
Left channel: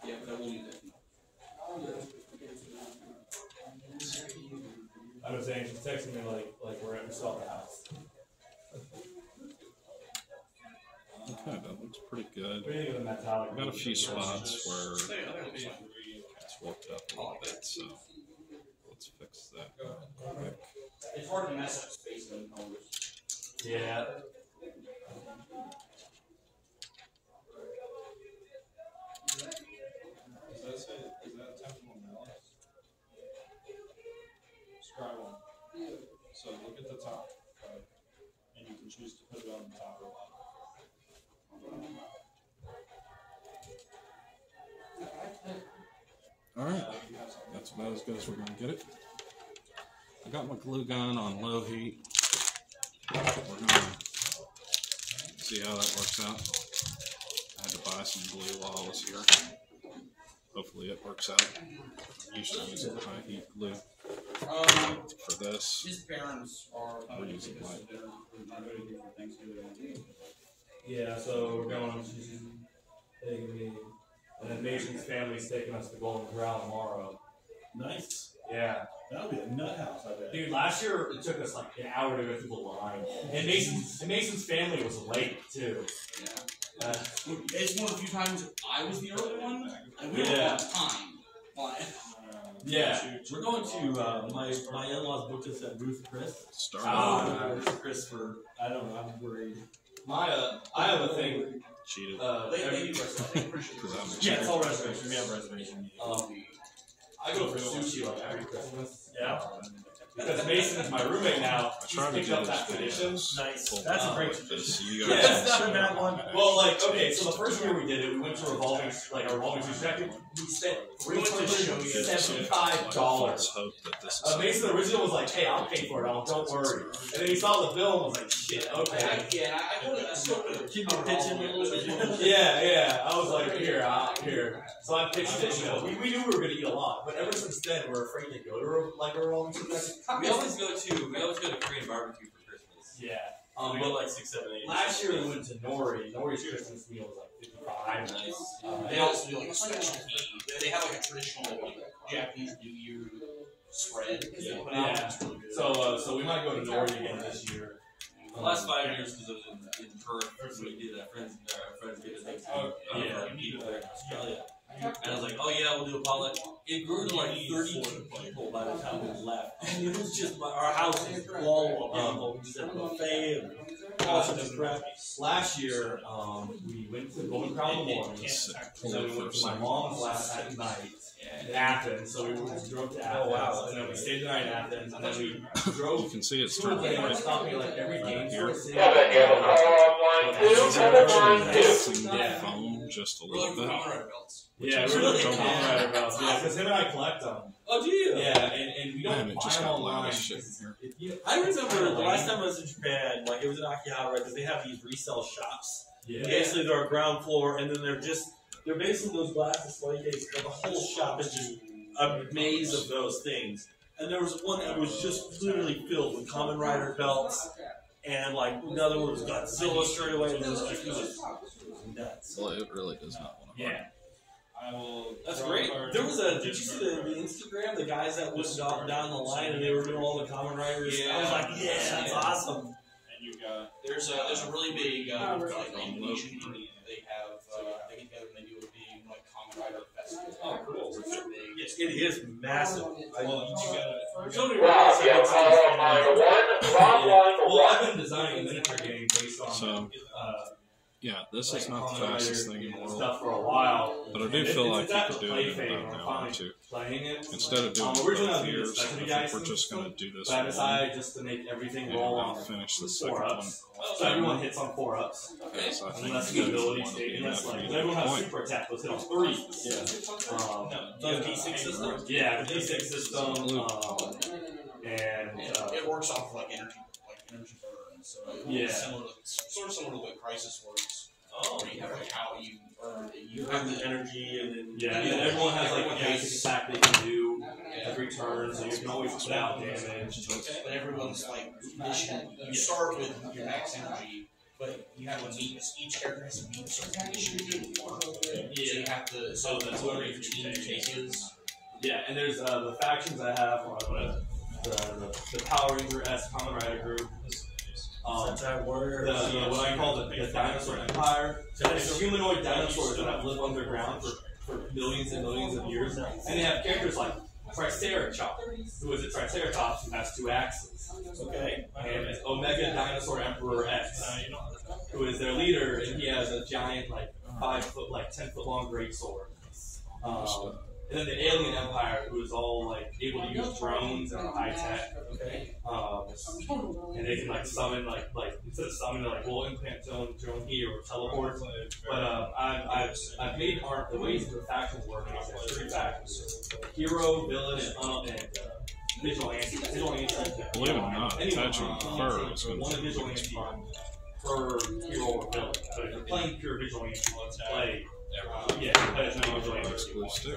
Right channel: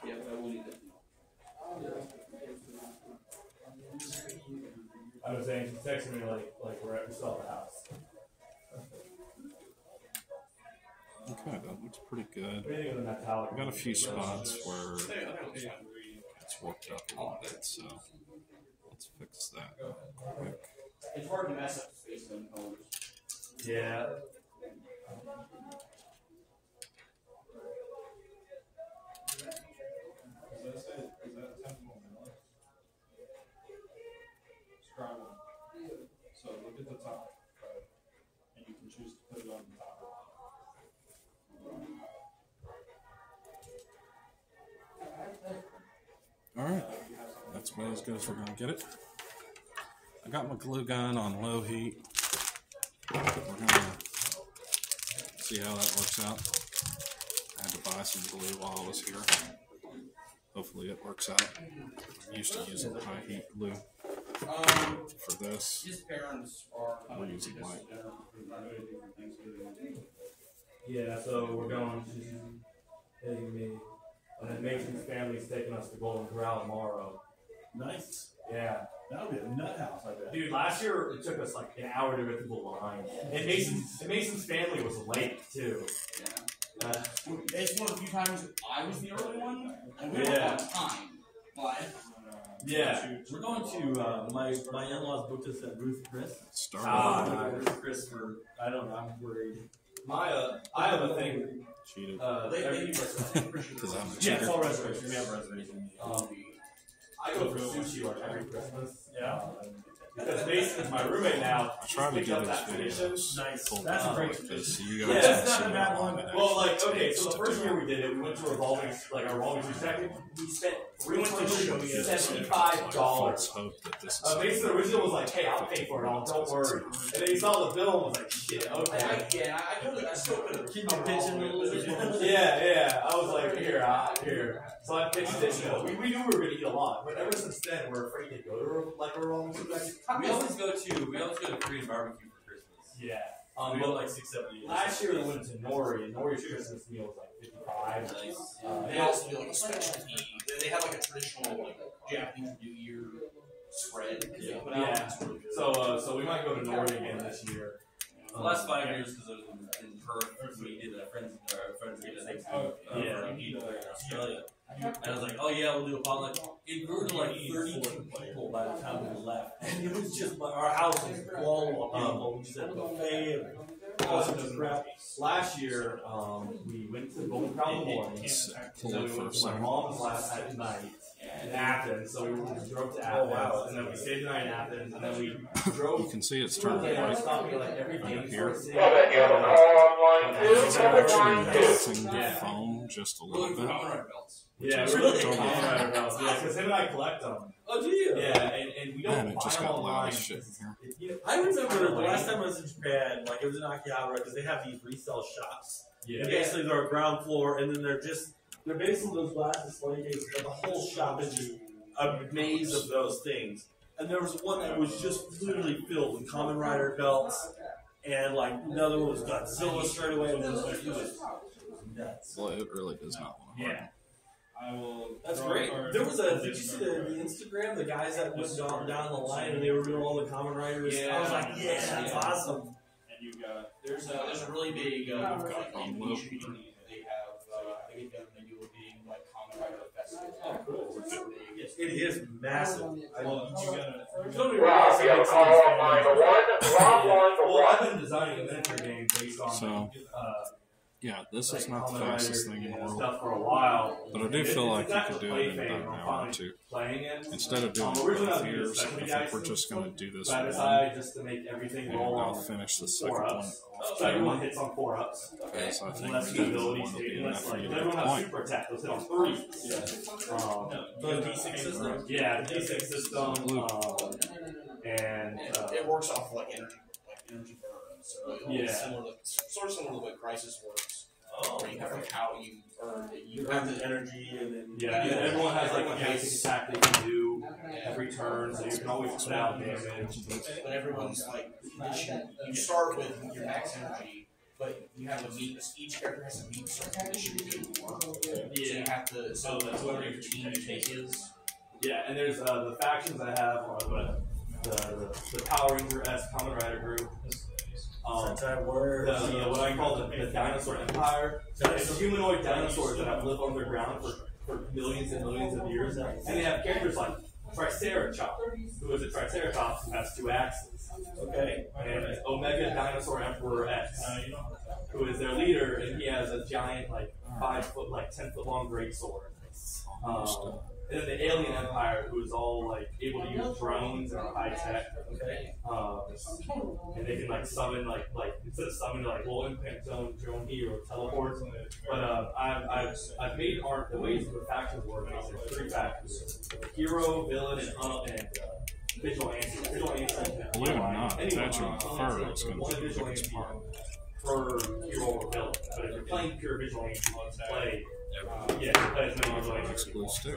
Yeah, but I will need that. I was saying, she's texting me like we're at the house. Okay, that looks pretty good. What do you think of the metallic? I got a few spots where it's warped up a little bit, so let's fix that real quick. It's hard to mess up space in the colors. Yeah. Is that Temple Malice? Scry one. So look at the top, right? And you can choose to put it on the top or bottom. Alright, that's about as good as we're going to get it. I got my glue gun on low heat. We're going to see how that works out. I had to buy some glue while I was here. Hopefully it works out. I used to use a high heat glue for this. His parents are coming to Use take it us light. to dinner for Thanksgiving. Yeah, so we're going, she's hitting me. And then Mason's family's taking us to Golden Corral tomorrow. Nice. Yeah. That would be a nut house, I bet. Dude, last year it took us like an hour to go through the line. And Mason's family was late too. Yeah. It's one of the few times I was the early one, and we don't have time. But yeah, we're going to my in-laws booked us at Ruth Chris. Ruth Chris for I don't know. I'm worried. I have a thing. Cheated. Yeah, it's all reservation. We have a reservation. I go for sushi like every Christmas. Yeah. Because Mason's my roommate now. I try to picked do up that this tradition. Nice. Full That's a great time, tradition. because you Yeah, guys that's can not a see bad how one. long it Well, like, actually okay, takes so the to first do year it. we did it, we went to revolving, like a revolving sushi track. We we went to show you $75. Hope that this is Mason, the original was like, hey, I'll pay for it all, don't worry. And then he saw the bill and was like, shit, okay. I still put it. Keep your pitch in a little bit. Yeah. I was like, here. So I pitched it, you know, we knew we were going to eat a lot, but ever since then, we're afraid to go to like a revolving sushi track. We always go to Korean barbecue for Christmas. Yeah. We go like 6, 7, 8. Last year we went to Nori. Nori's Christmas meal was like $55. Nice. They also do like a specialty. They have like a traditional like Japanese New Year spread. Yeah. So we might go to Nori again this year. The last 5 years, because I was in Perth, we did a friends get a Thanksgiving people there in Australia. And I was like, oh yeah, we'll do a potluck. It grew to like 32 people by the time we left. And it was just our house was full of people. We just had a buffet and all sorts of crap. Last year, we went to Golden Crown in the morning. So we went to my mom's last night in Athens. So we drove to Athens, and then we stayed the night in Athens, and then we drove. You can see it's to turned the right. stopped me like every game Here. for Kevin, you have a call on line 2, It's Kevin actually line 2. bouncing the phone just a We're little looking for bit. common rider belts. Yeah, Which we're is looking really at Common Rider belts. Yeah, because him and I collect them. Oh, do you? Yeah, and we Man, don't it buy just them got loud online. as shit in here. I remember the last time I was in Japan, like it was in Akihabara, because they have these resale shops. Yeah. And basically they're a ground floor, and then they're basically those glass display cases, but the whole shop is just a maze of those things. And there was one that was just literally filled with Kamen Rider belts, and like another one was Godzilla straight away. And it was nuts. Well, it really does not want to. Yeah. That's great. There was did you see the Instagram, the guys that went down the line and they were doing all the Kamen Riders? Yeah. I was like, yeah, that's awesome. There's a really big like Indonesian community. They have they get together and they do a big like Kamen Rider festival. Oh, cool. It's really big. It is massive. So Rob, you have a call on line 1. Rob, line Well, 1. I've been designing a miniature game based on So, yeah, this like is not the Kamen fastest Rider thing in the and world. stuff for a while. But I do feel like It's you actually could do play it in thing. about I'm an hour or finally two. playing it. Instead of doing originally I both was years, the second I guy think we're just going to do this side to one. side just to make everything roll And I'll on finish the second 4 one. ups. So everyone hits on 4 ups. Because I think Unless you the guys ability want to state, do unless that like for everyone the has point. super attack, let's hit on 3. The D6 system? Yeah, the D6 system, and it works off like energy burn. So it's sort of similar to the way Crisis works. Oh, Where you have like how you earn it. you have the energy and then yeah, everyone has like a basic attack they can do every turn, so you can always put out damage. But everyone's like conditioned. You start with your max energy, but you have a meet. Each character has to meet a certain condition to do more. So you have to. So that's whatever your team take is. Yeah, and there's the factions I have are the Power Ranger-esque Kamen Rider group. That's how it works. What I call the dinosaur empire. It's humanoid dinosaurs that have lived underground for millions and millions of years. And they have characters like Triceratops, who is a Triceratops who has 2 axes. Okay. And Omega Dinosaur Emperor X, who is their leader, and he has a giant, like 5 foot, like 10 foot long greatsword. And then the Alien Empire, who is all like able to use drones and high tech. Okay. And they can like summon like instead of summoning like we'll implant drone here or teleport. But I've made art the ways the factions work. There's 3 factions: hero, villain, and vigilante. Believe it or not, attaching fur is going to be the biggest part. Per hero or villain. But if you're playing pure vigilante, play play as many vigilante Exclusive.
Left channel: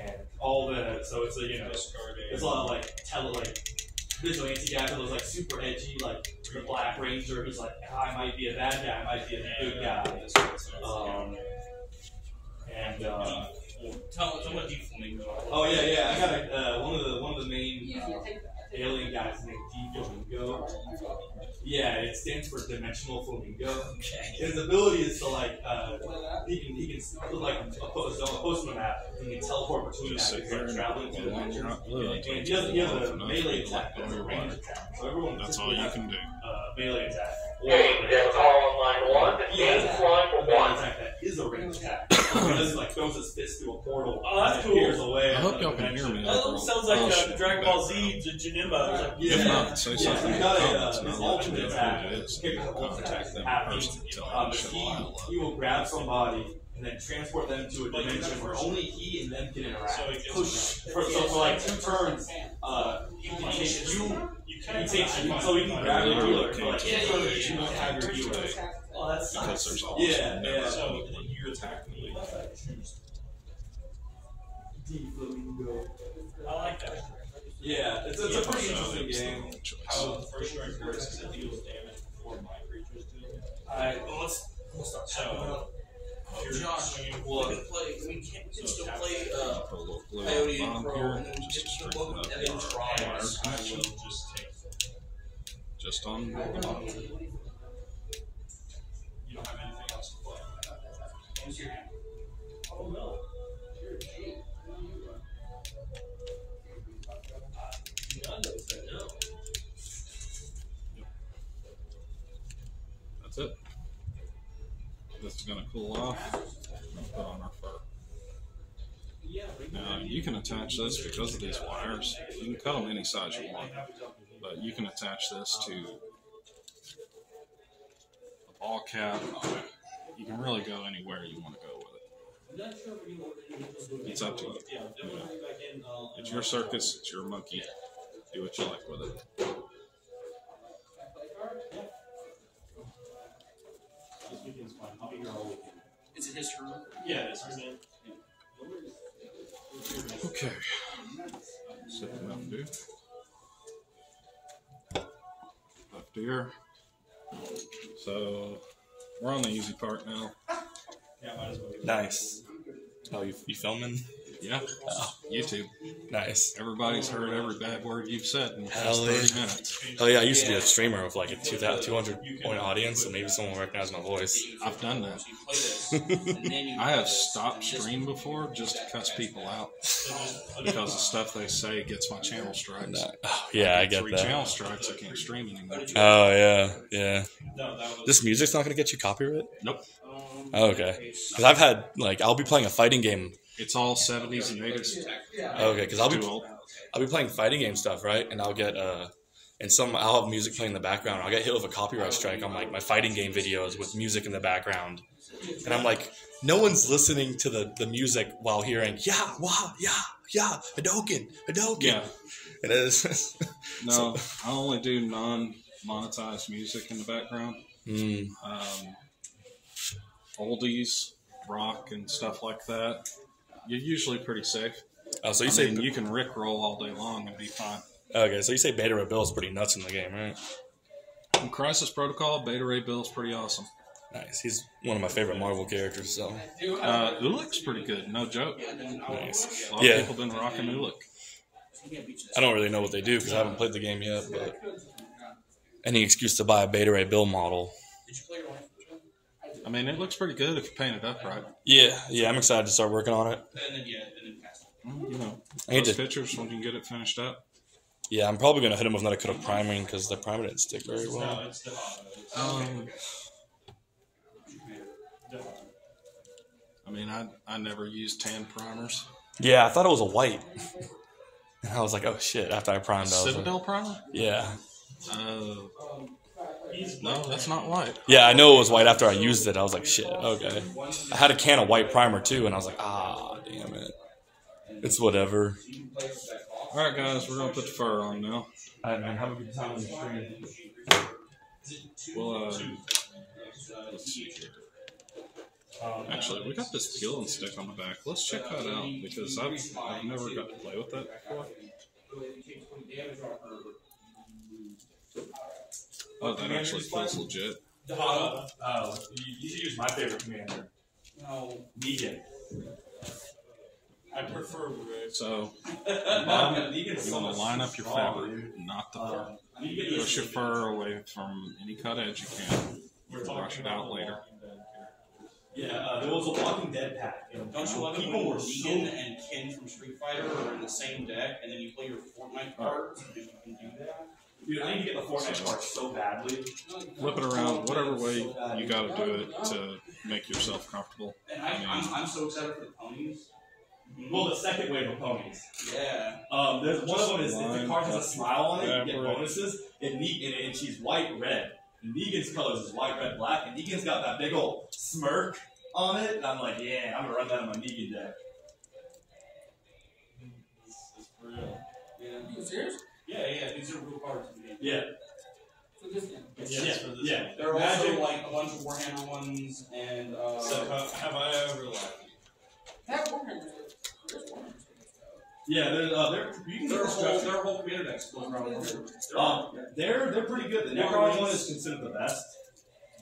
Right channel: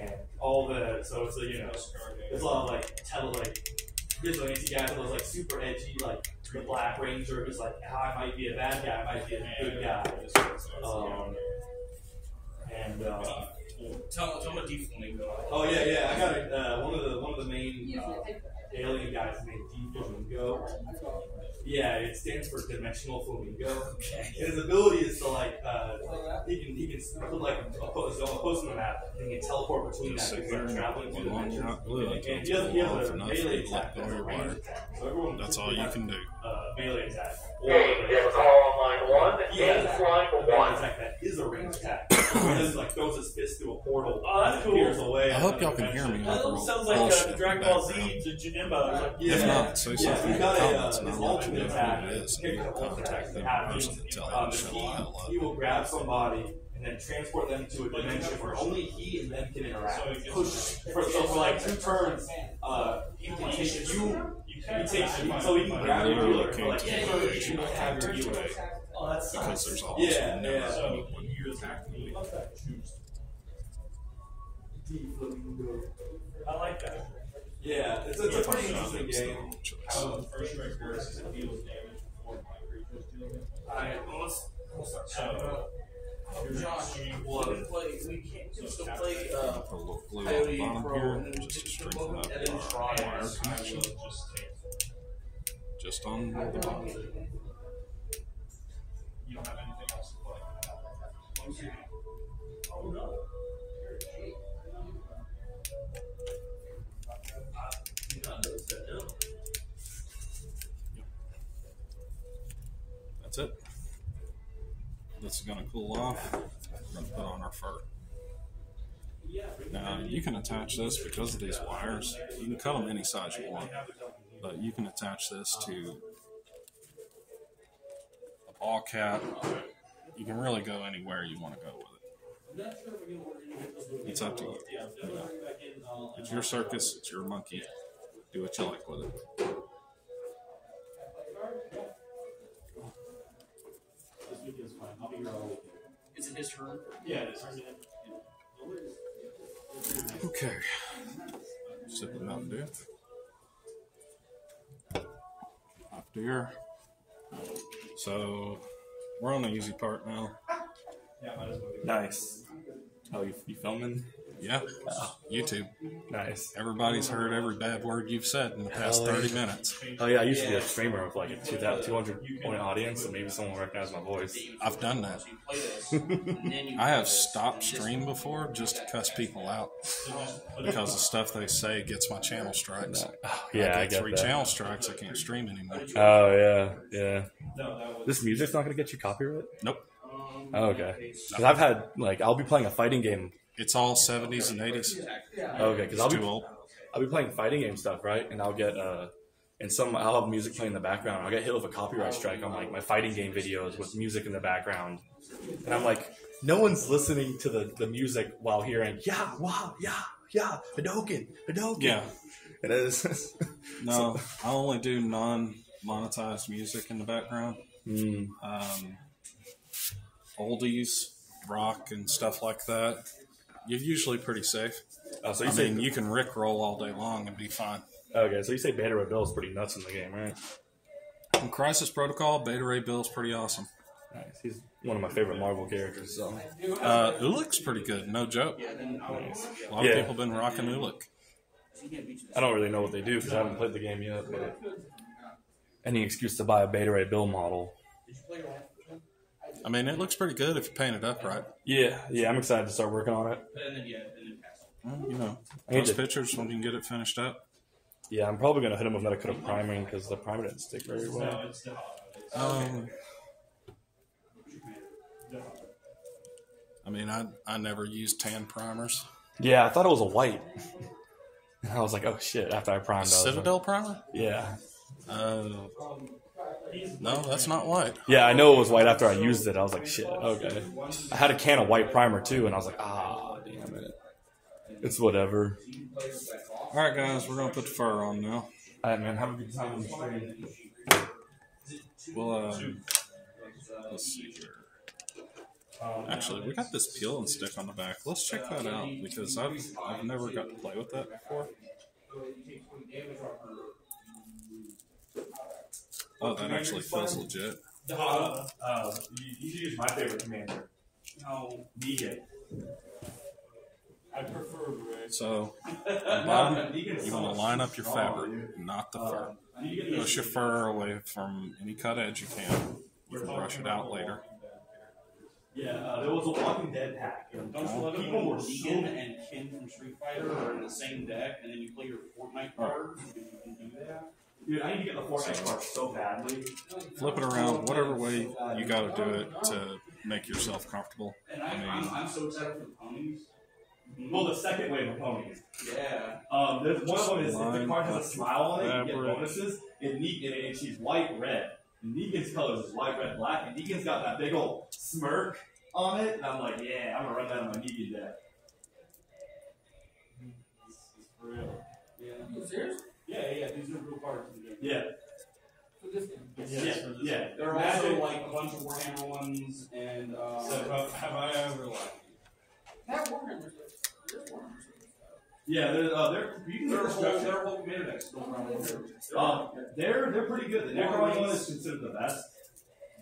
and all the so it's there's a lot of like vigilante guys that was like super edgy, like the Black Ranger who's like I might be a bad guy, I might be a good guy. Tell me what D-Flamingo. Oh Yeah. I got one of the main alien guys named D Flamingo. Yeah, it stands for Dimensional Flamingo. Okay. His ability is to like he can put like a post on a map and he can teleport between that because like traveling through dimensions. And he has a melee attack that's a range attack. So everyone that's all you can do. Melee attack. Okay, you have a call on line 1. Stand line 1. Attack that is a range attack. He just like throws his fist through a portal. Oh, that's cool. Away I hope y'all can hear me. That almost sounds like Dragon Ball Z Janemba. Like, If not, say something in the comments and I'll let you know attack. who it is and you can contact them in person and tell them to shut the hell up. He will grab somebody and then transport them to a dimension where only he and them can interact. For like 2 turns, he can take you. So he can grab your healer for like 2 turns. You can have your healer. Oh, that's Because there's almost no So when you attack me. I like that. Yeah, it's a pretty interesting game. How the first strike works is it deals damage before my creatures deal damage. Alright, well, let's start. So, Josh, we can still play Coyote and Crow, and then we Just can strengthen up then try. just on the bottom. You don't have anything else to play. Oh no. That's it. This is going to cool off. We're going to put on our fur. Now, you can attach this because of these wires. You can cut them any size you want, but you can attach this to a ball cap. You can really go anywhere you want to go with it. It's up to you. It's your circus, it's your monkey. Do what you like with it. Is it his turn? Yeah, it is. Okay. Sip it up, dude. Up here. So, we're on the easy part now. Nice. Oh, you filming? Yeah. YouTube. Nice. Everybody's heard every bad word you've said in the past Hell yeah. 30 minutes. Oh yeah, I used to be a streamer with like a 200 point audience, and maybe someone will recognize my voice. I've done that. I have stopped stream before just to cuss people out because the stuff they say gets my channel strikes. Oh, yeah, I get 3 that. channel strikes, I can't stream anymore. Oh yeah. This music's not gonna get you copyright? Nope. Oh, okay. Because I've had like I'll be playing a fighting game. It's all 70s and 80s. Okay, because I'll Too be playing fighting game stuff, right? And I'll get I'll have music playing in the background. I'll get hit with a copyright strike on like my fighting game videos with music in the background, and I'm like, no one's listening to the music while hearing yeah, Hadouken. Yeah. And it is. No, I only do non-monetized music in the background. Oldies, rock, and stuff like that. You're usually pretty safe. Oh, so I mean, you can rickroll all day long and be fine. Okay, so you say Beta Ray Bill is pretty nuts in the game, right? In Crisis Protocol, Beta Ray Bill is pretty awesome. Nice. He's one of my favorite Marvel characters. So. Ulik's pretty good, no joke. Nice. A lot of people have been rocking Ulik. I don't really know what they do because I haven't played the game yet, but any excuse to buy a Beta Ray Bill model. I mean, it looks pretty good if you paint it up right. Yeah, I'm excited to start working on it. You know, I need those to- pictures when you can get it finished up. Yeah, I'm probably going to hit him with another coat of priming because the primer didn't stick very well. I mean, I never used tan primers. Yeah, I thought it was a white. And I was like, oh shit, after I primed it. Citadel primer? Yeah. No, that's not white. Yeah, I know it was white after I used it. I was like, shit, okay. I had a can of white primer too, and I was like, damn it. It's whatever. Alright, guys, we're going to put the fur on now. Alright, man, have a good time on the stream. We'll, let's see here. Actually, we got this peel and stick on the back. Let's check that out because I've never got to play with that before. Oh, that actually feels legit. You should use my favorite commander. No. Negan. I prefer red. So, bottom, you want to line up your fabric, not the fur. Push your fur away from any cut edge you can. You can brush it out later. Yeah, there was a Walking Dead pack. And Don't you love it when Negan and Ken from Street Fighter are in the same deck, and then you play your Fortnite cards, and you can do that? Dude, I need to get the Fortnite card so badly. Flip it around whatever way you got to do it to make yourself comfortable. And I'm so excited for the ponies. Well, the second wave of ponies. Yeah. There's one of them is if the card has a smile on it, you get bonuses. And she's white red. And Negan's colors is white, red, black. And Negan's got that big old smirk on it. And I'm like, yeah, I'm gonna run that on my Negan deck. This is for real. Yeah. You serious? Yeah, these are real cards in the game. Yeah. For this game? Yeah. There are also like a bunch of Warhammer ones, and So have I ever like? That Warhammer. There's Warhammer. Yeah, you can their get whole commander decks built around Warhammer. they're pretty good. The Necron one is considered the best,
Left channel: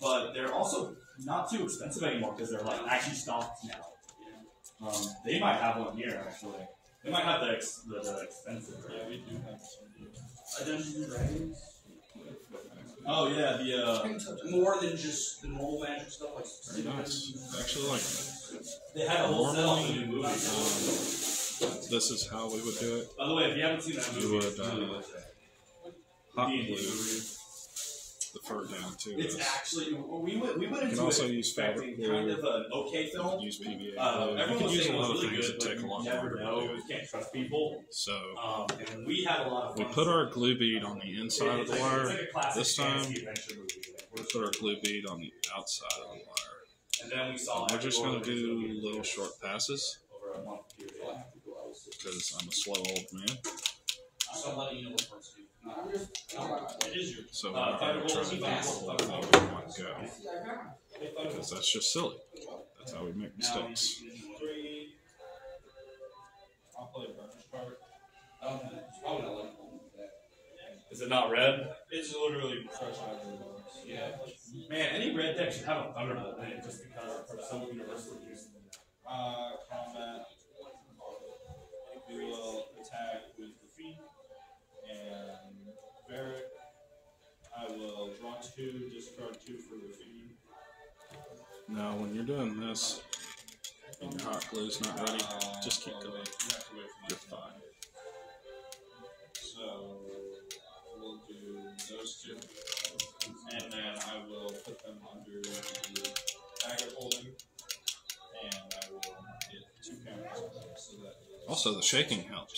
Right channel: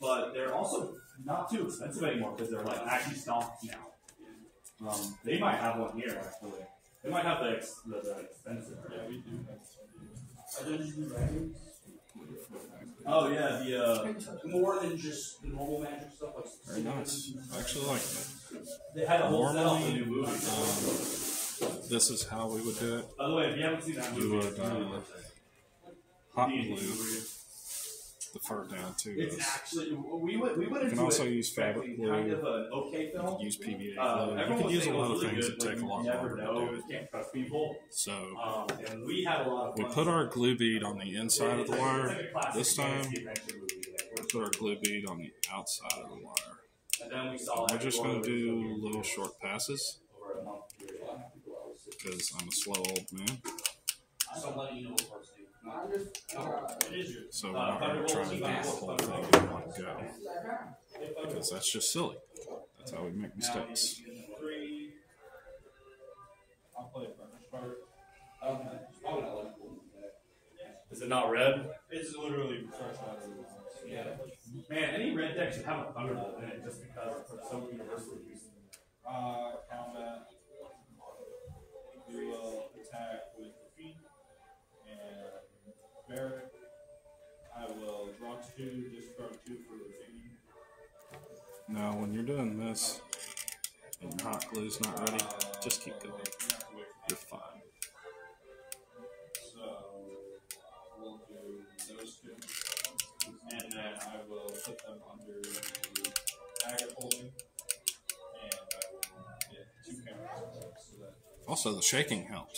but they're also not too expensive anymore because they're like actually stocked now. They might have one here actually. They might have the expensive. Yeah, we do have some. Dungeons and Dragons. Oh yeah, the More than just the normal magic stuff like. Very nice. I actually like that. they had a whole set off the new movie. This is how we would do it. By the way, if you haven't seen that You movie, would it's really worth it. hot D&D glue movie. the fur down to It's this. actually we went You into can also it use fabric expecting glue. kind of an okay film. Use PVA glue. Everyone You was can use saying a it was lot of really things good, that but take a you lot never longer to know. do You it. can't trust people. So And we had a lot of we fun. put our glue bead on the inside of the wire. It's like a classic This time, fantasy adventure movie. we put our glue bead on the outside of the wire. And then we saw. We're just going to do little short passes over a month period. because I'm a slow old man. I'm letting you know what parts do. I'm just. It is your. So we're not going to try to do the whole thing in one go because that's just silly. That's how we make mistakes. 3. I'll play a burnish card. Oh no, like that. Is it not red? It's literally fresh out of the box. Yeah. Man, any red deck should have a Thunderbolt in it just because it's so universally used. Combat. We will attack with the feet and Barrack. I will draw 2, discard 2 for the feet. Now, when you're doing this and your hot glue's not ready, just keep going. You have to wait for You're fine. So we'll do those 2, and then I will put them under the agate holding, and I will get 2 counters so that. Also, the shaking helps.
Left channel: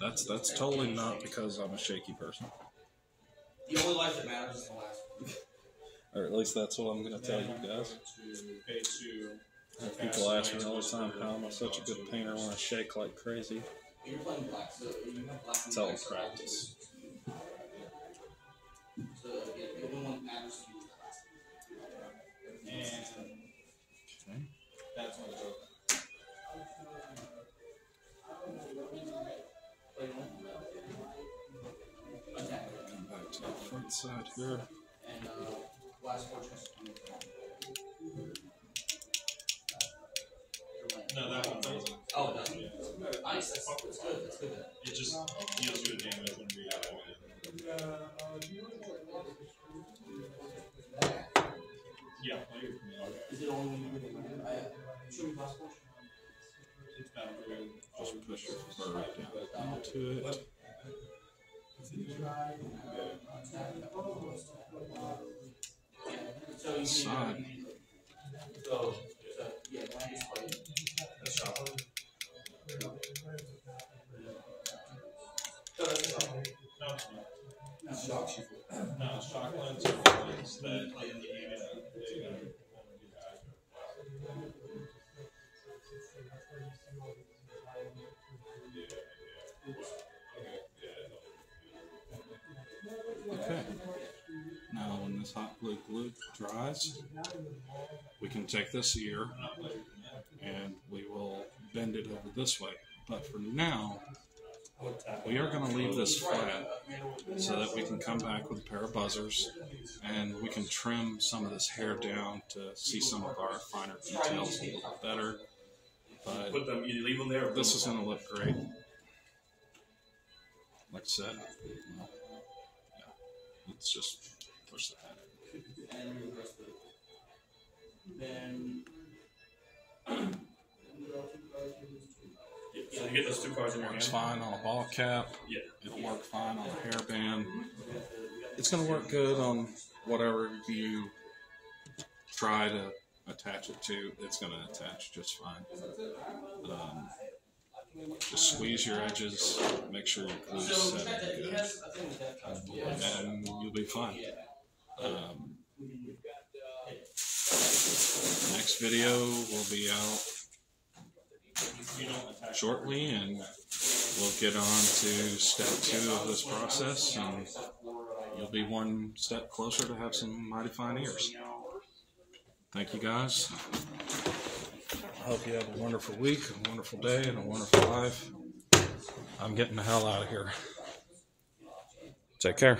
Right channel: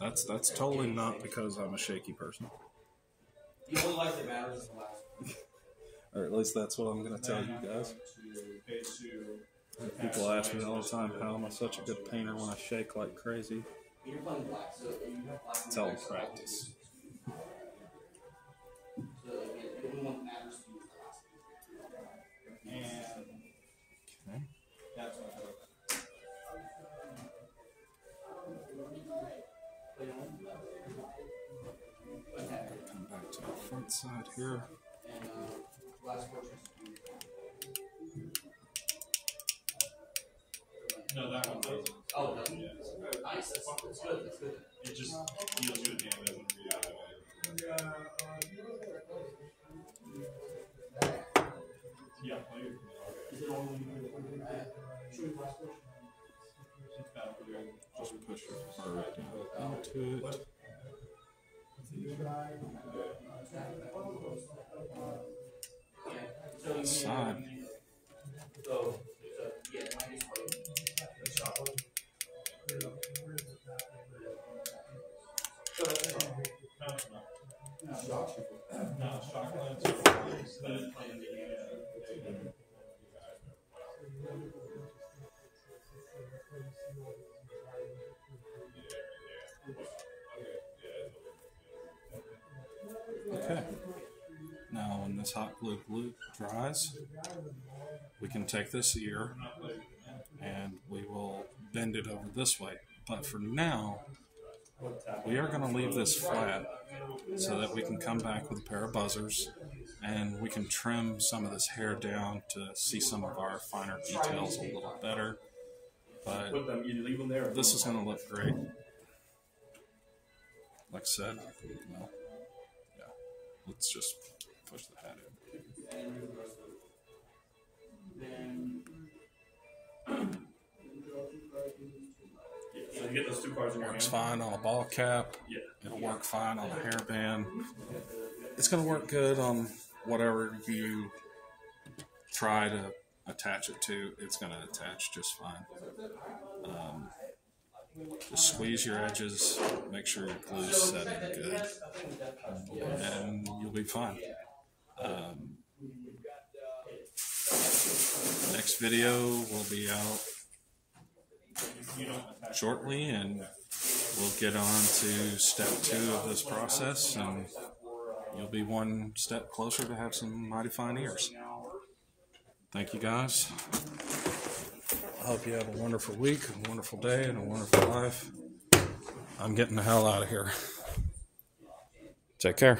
That's totally not because I'm a shaky person. The only life that matters is the last one. Or at least that's what I'm going to tell you guys. To pay 2. People ask me all the time, how am I such a good painter when I shake like crazy? You're playing black, so you have black and It's all white, so practice. So the only one that matters to you is the last one. And Okay. that's my go. Come back to the front side here. And last 4 turns. No, that one doesn't. Oh, it doesn't? Yeah. Nice, that's good, that's good. It just deals you a damage when we activate it. Yeah, play your command. Okay. Is it only when you bring it? Should we last 4? It's battlefield. Just push your fur down into it. So you Side. So yeah, when you play the shot. So that's the shot. No, it's not. No, No, it's chocolate. It's that. play in the game. There you go. Okay. Now, when this hot glue dries, we can take this ear and we will bend it over this way. But for now, we are going to leave this flat so that we can come back with a pair of buzzers and we can trim some of this hair down to see some of our finer details a little better. But put them, you leave them there. Or this is going to look great. Like I said, well, yeah, let's just push the head in. So you get those two cards in your hand. Works fine on a ball cap. Yeah. It'll work fine on a hairband. It's going to work good on whatever you try to attach it to. It's going to attach just fine. Just squeeze your edges, make sure your glue's set in good, and you'll be fine. Next video will be out shortly, and we'll get on to step 2 of this process, and you'll be one step closer to have some mighty fine ears. Thank you, guys. I hope you have a wonderful week, a wonderful day, and a wonderful life. I'm getting the hell out of here. Take care.